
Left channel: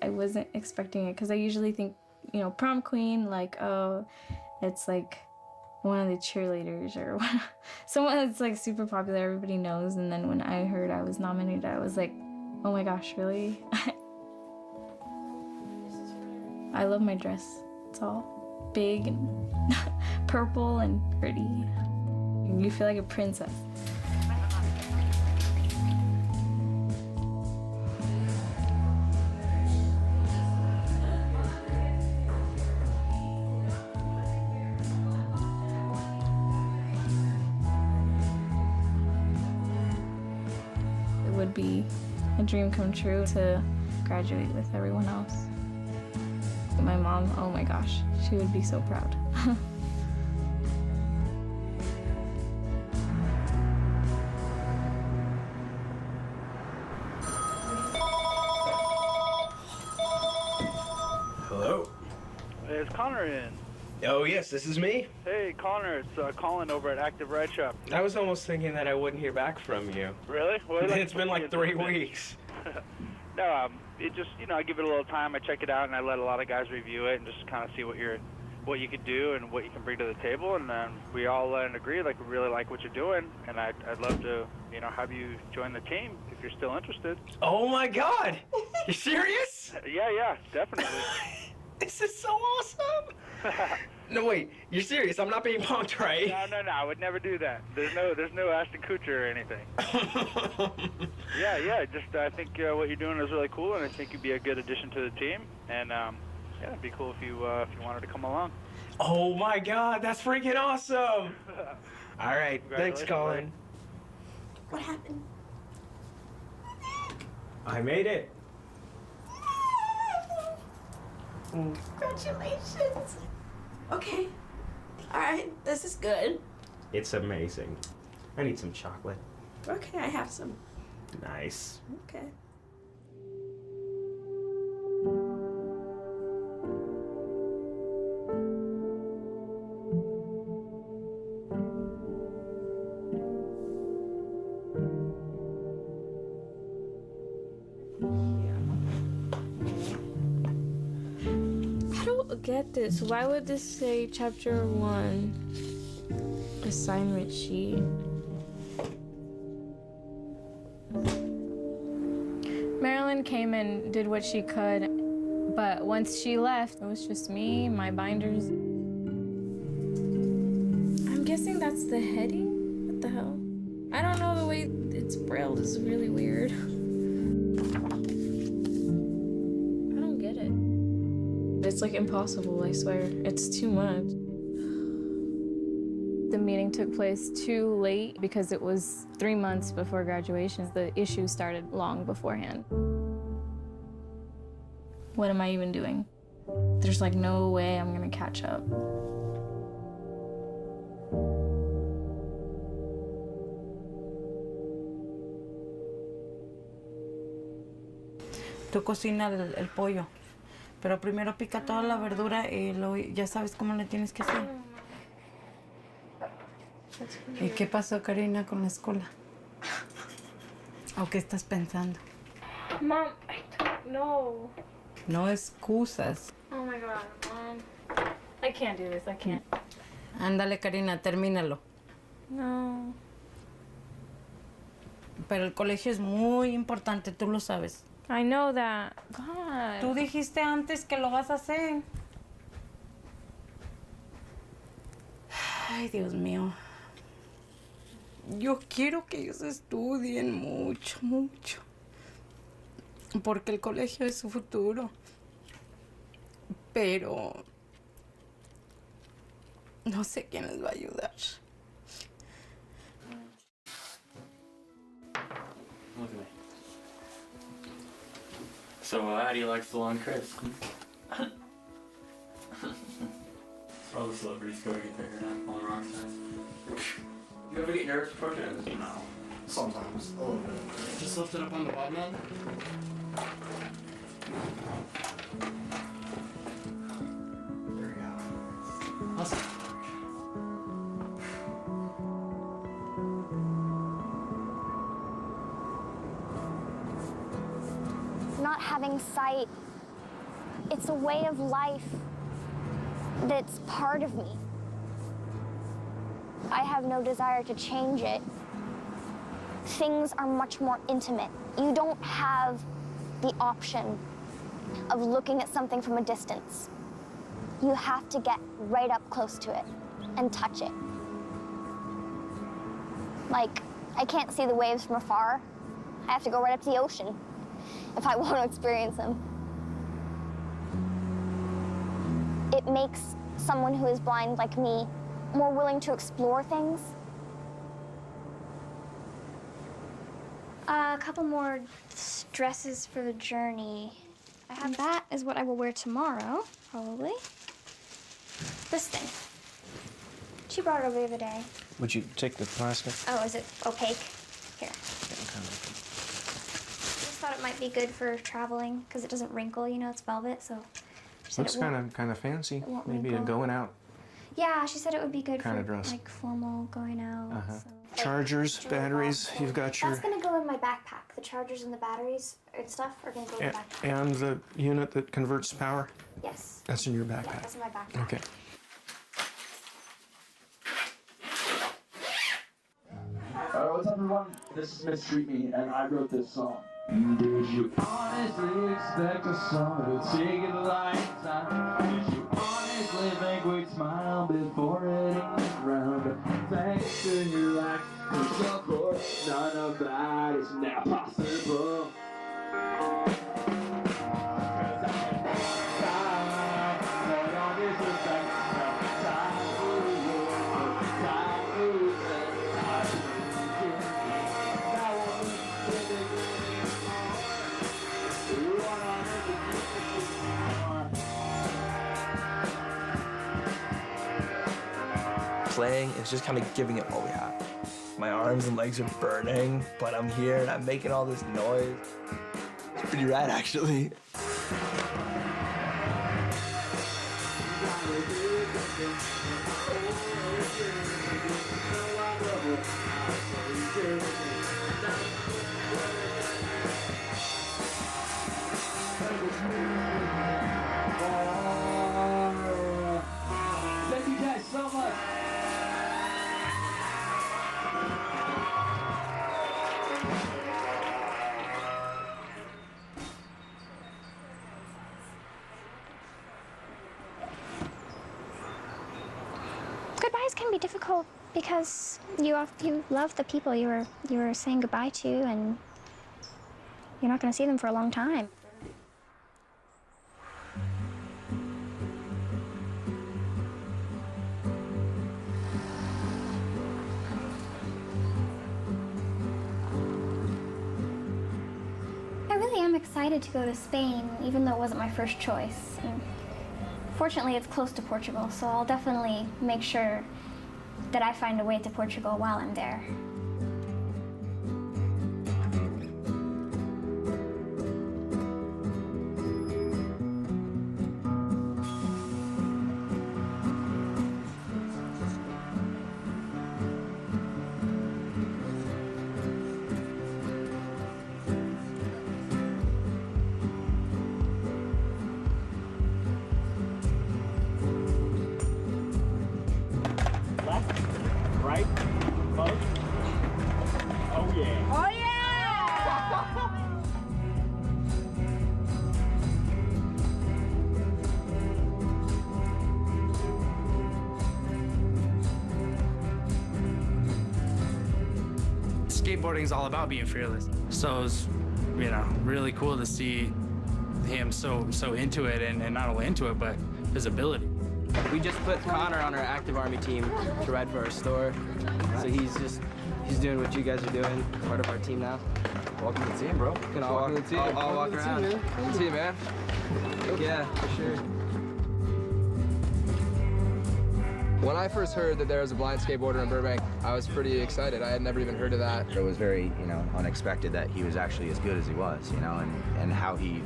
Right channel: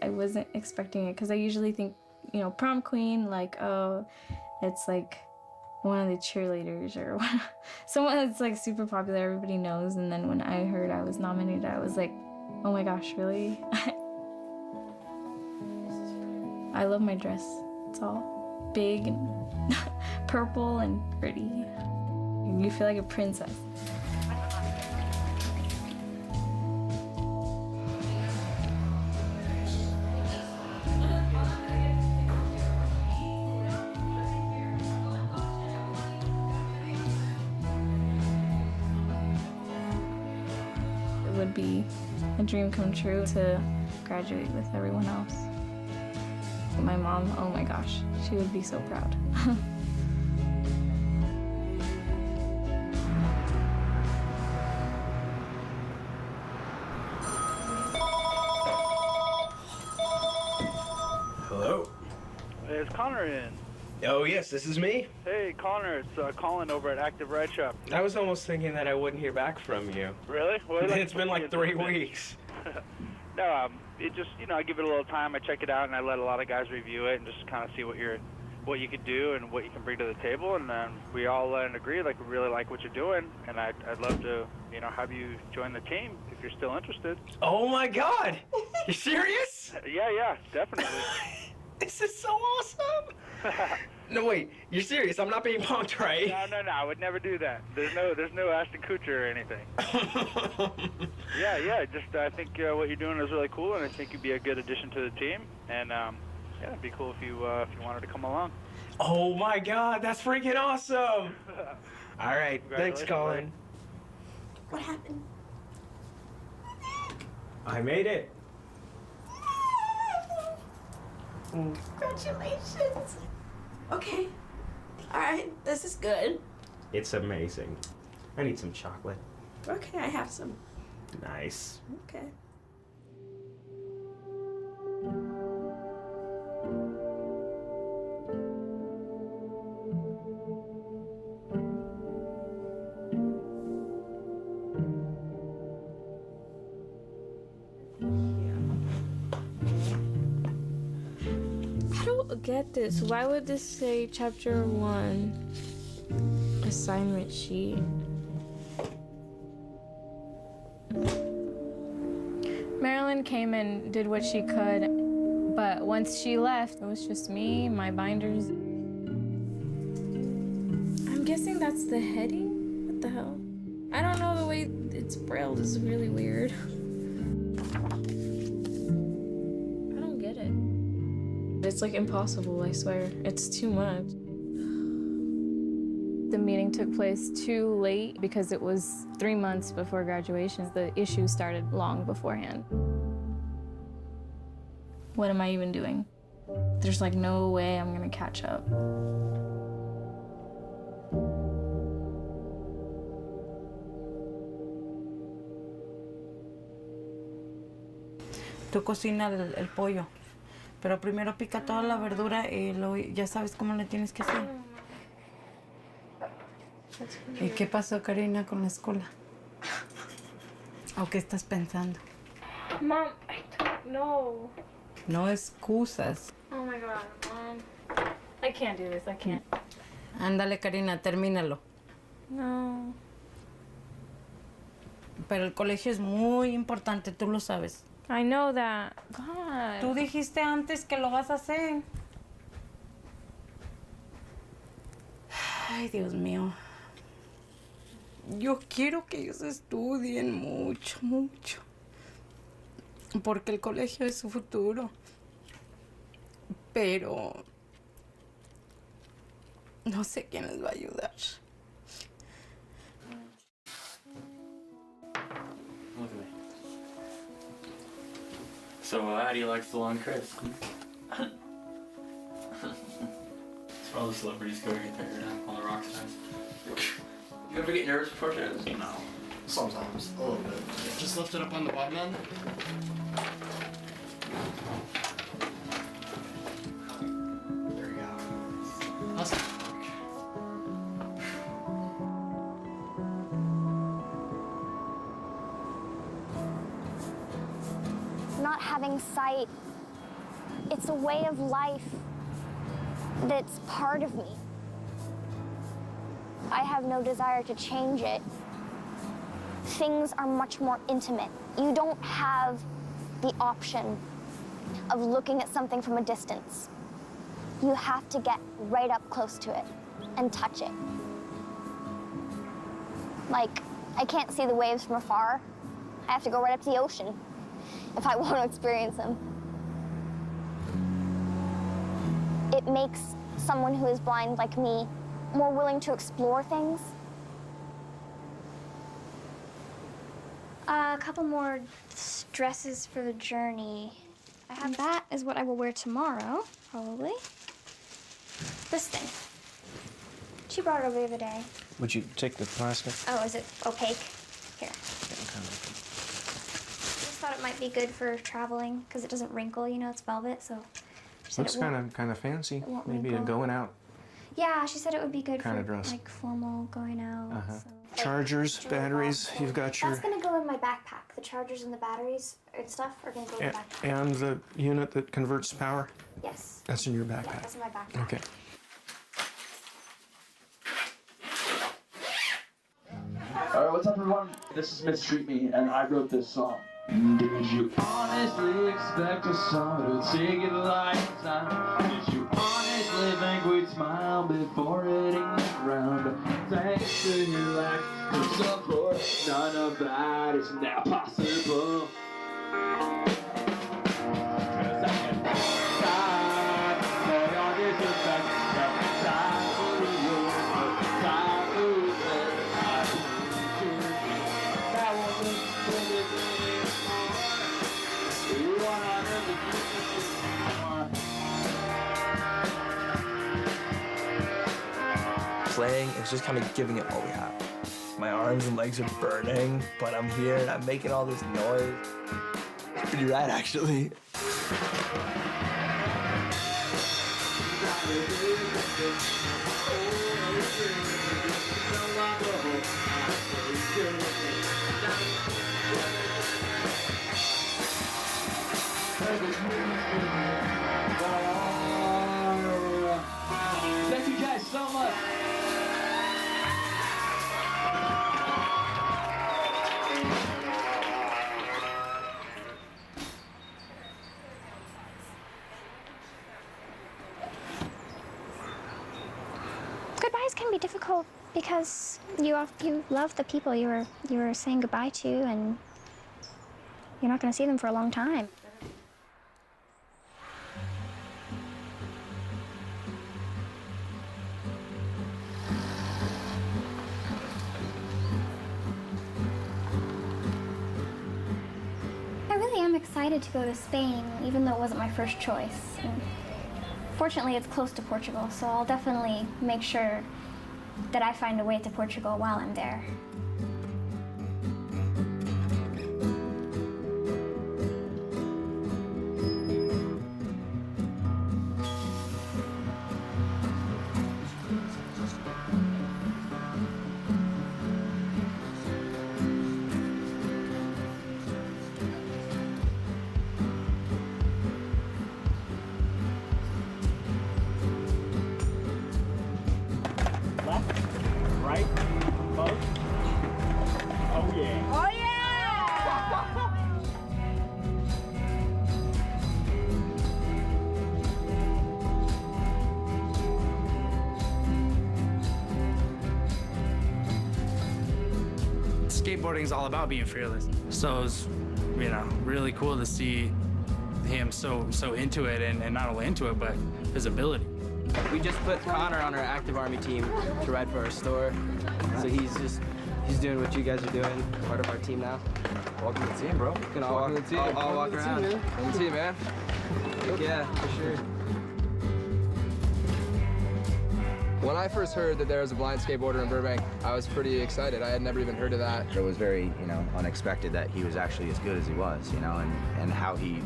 I wasn't expecting it because I usually think, you know, prom queen, like, oh, it's like one of the cheerleaders or someone that's like super popular, everybody knows. And then when I heard I was nominated, I was like, oh my gosh, really? I love my dress. It's all big and purple and pretty. You feel like a princess. It would be a dream come true to graduate with everyone else. My mom, oh my gosh, she would be so proud. Hello? Is Connor in? Oh, yes, this is me. Hey, Connor, it's Colin over at Active Ride Shop. I was almost thinking that I wouldn't hear back from you. Really? Well, It's been like 3 weeks. No, it just, you know, I give it a little time, I check it out, and I let a lot of guys review it and just kind of see what you could do and what you can bring to the table, and then we all agree, like, we really like what you're doing, and I'd love to, you know, have you join the team if you're still interested. Oh my God! You serious? Yeah, definitely. This is so awesome! No, wait, you're serious? I'm not being punked, right? No, I would never do that. There's no Ashton Kutcher or anything. Yeah, just I think what you're doing is really cool, and I think you'd be a good addition to the team, and yeah, it'd be cool if you wanted to come along. Oh my God, that's freaking awesome! All right, thanks, Congratulations, Colin. What happened? I made it. Congratulations. Okay. All right, this is good. It's amazing. I need some chocolate. Okay, I have some. Nice. Okay. I don't get this. Why would this say chapter 1 assignment sheet? Marilyn came and did what she could, but once she left, it was just me, my binders. I'm guessing that's the heading? What the hell? I don't know, the way it's brailled is really weird. I don't get it. It's like impossible, I swear. It's too much. The meeting took place too late because it was 3 months before graduation. The issue started long beforehand. What am I even doing? There's like no way I'm gonna catch up. Tú cocina el pollo, pero primero pica toda la verdura y luego ya sabes cómo le tienes que hacer. ¿Y qué pasó, Karina, con la escuela? ¿O qué estás pensando? Mom, I don't know. No excusas. Oh my God, Mom. I can't do this, I can't. Ándale, Karina, termínalo. No. Pero el colegio es muy importante, tú lo sabes. I know that. God. Tú dijiste antes que lo vas a hacer. Ay, Dios mío. Yo quiero que ellos estudien mucho, mucho. Porque el colegio es su futuro. Pero no sé quién les va a ayudar. Look at me. So, how do you like Salon Chris? That's where all the celebrities go to get their hair done, all the rock stars. You ever get nervous before shows? No. Sometimes, a little bit. Just lift it up on the bottom end. There you go. How's it work? not having sight, it's a way of life that's part of me. I have no desire to change it. Things are much more intimate. You don't have the option of looking at something from a distance. You have to get right up close to it and touch it. Like, I can't see the waves from afar. I have to go right up to the ocean if I want to experience them. It makes someone who is blind like me more willing to explore things. A couple more dresses for the journey. That is what I will wear tomorrow, probably. This thing. She brought it over the other day. Would you take the plastic? Oh, is it opaque? Here. Just thought it might be good for traveling because it doesn't wrinkle. You know, it's velvet, so. Looks kind of fancy. won't Maybe a wrinkle. going out. Yeah, she said it would be good Kinda for dress. like formal going out. So. Chargers, batteries. You've got your That's gonna go in my backpack. The chargers and the batteries and stuff are gonna go in the backpack. and the unit that converts power. Yes. That's in your Yeah, backpack. that's in my backpack. Okay. All right, what's up, everyone? This is Mistreat Me, and I wrote this song. Did you honestly expect a song to take it like time? Did you honestly think we'd smile before hitting the ground? Thanks to your lack of support, none of that is now possible. 'Cause I can time for your disrespect, time for the world, time for the that woman said it Playing is just kind of giving it all we have. My arms and legs are burning, but I'm here and I'm making all this noise. It's pretty rad, actually. Thank you guys so much. Goodbyes can be difficult because you love the people you were saying goodbye to, and you're not going to see them for a long time. I really am excited to go to Spain, even though it wasn't my first choice. And fortunately, it's close to Portugal, so I'll definitely make sure that I find a way to Portugal while I'm there. Left, right, both. Oh yeah. Oh yeah! Skateboarding is all about being fearless. So it's, really cool to see him so into it, and not only into it, but his ability. We just put Connor on our active army team to ride for our store. So he's doing what you guys are doing, part of our team now. Welcome to the team, bro. Can all walk, all walk around. Welcome to the team, man. Yeah, for sure. When I first heard that there was a blind skateboarder in Burbank, I was pretty excited. I had never even heard of that. It was very, unexpected that he was actually as good as he was, and how he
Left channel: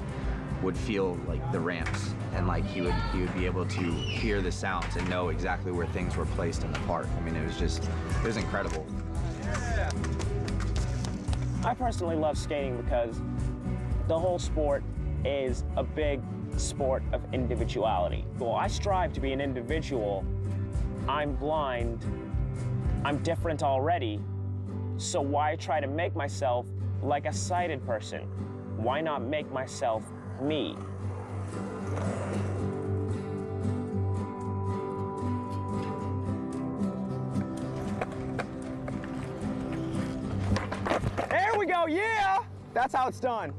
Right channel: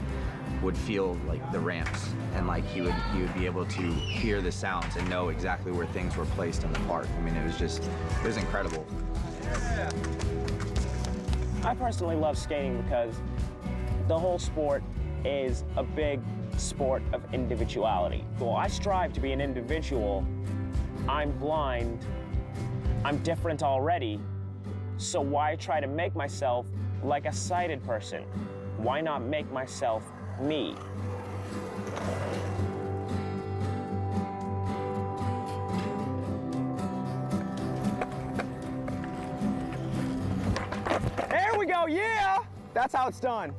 would feel like the ramps, and like he would be able to hear the sounds and know exactly where things were placed in the park. I mean, it was incredible. I personally love skating because The whole sport is a big sport of individuality. Well, I strive to be an individual. I'm blind. I'm different already. So why try to make myself like a sighted person? Why not make myself me? There we go, yeah! That's how it's done.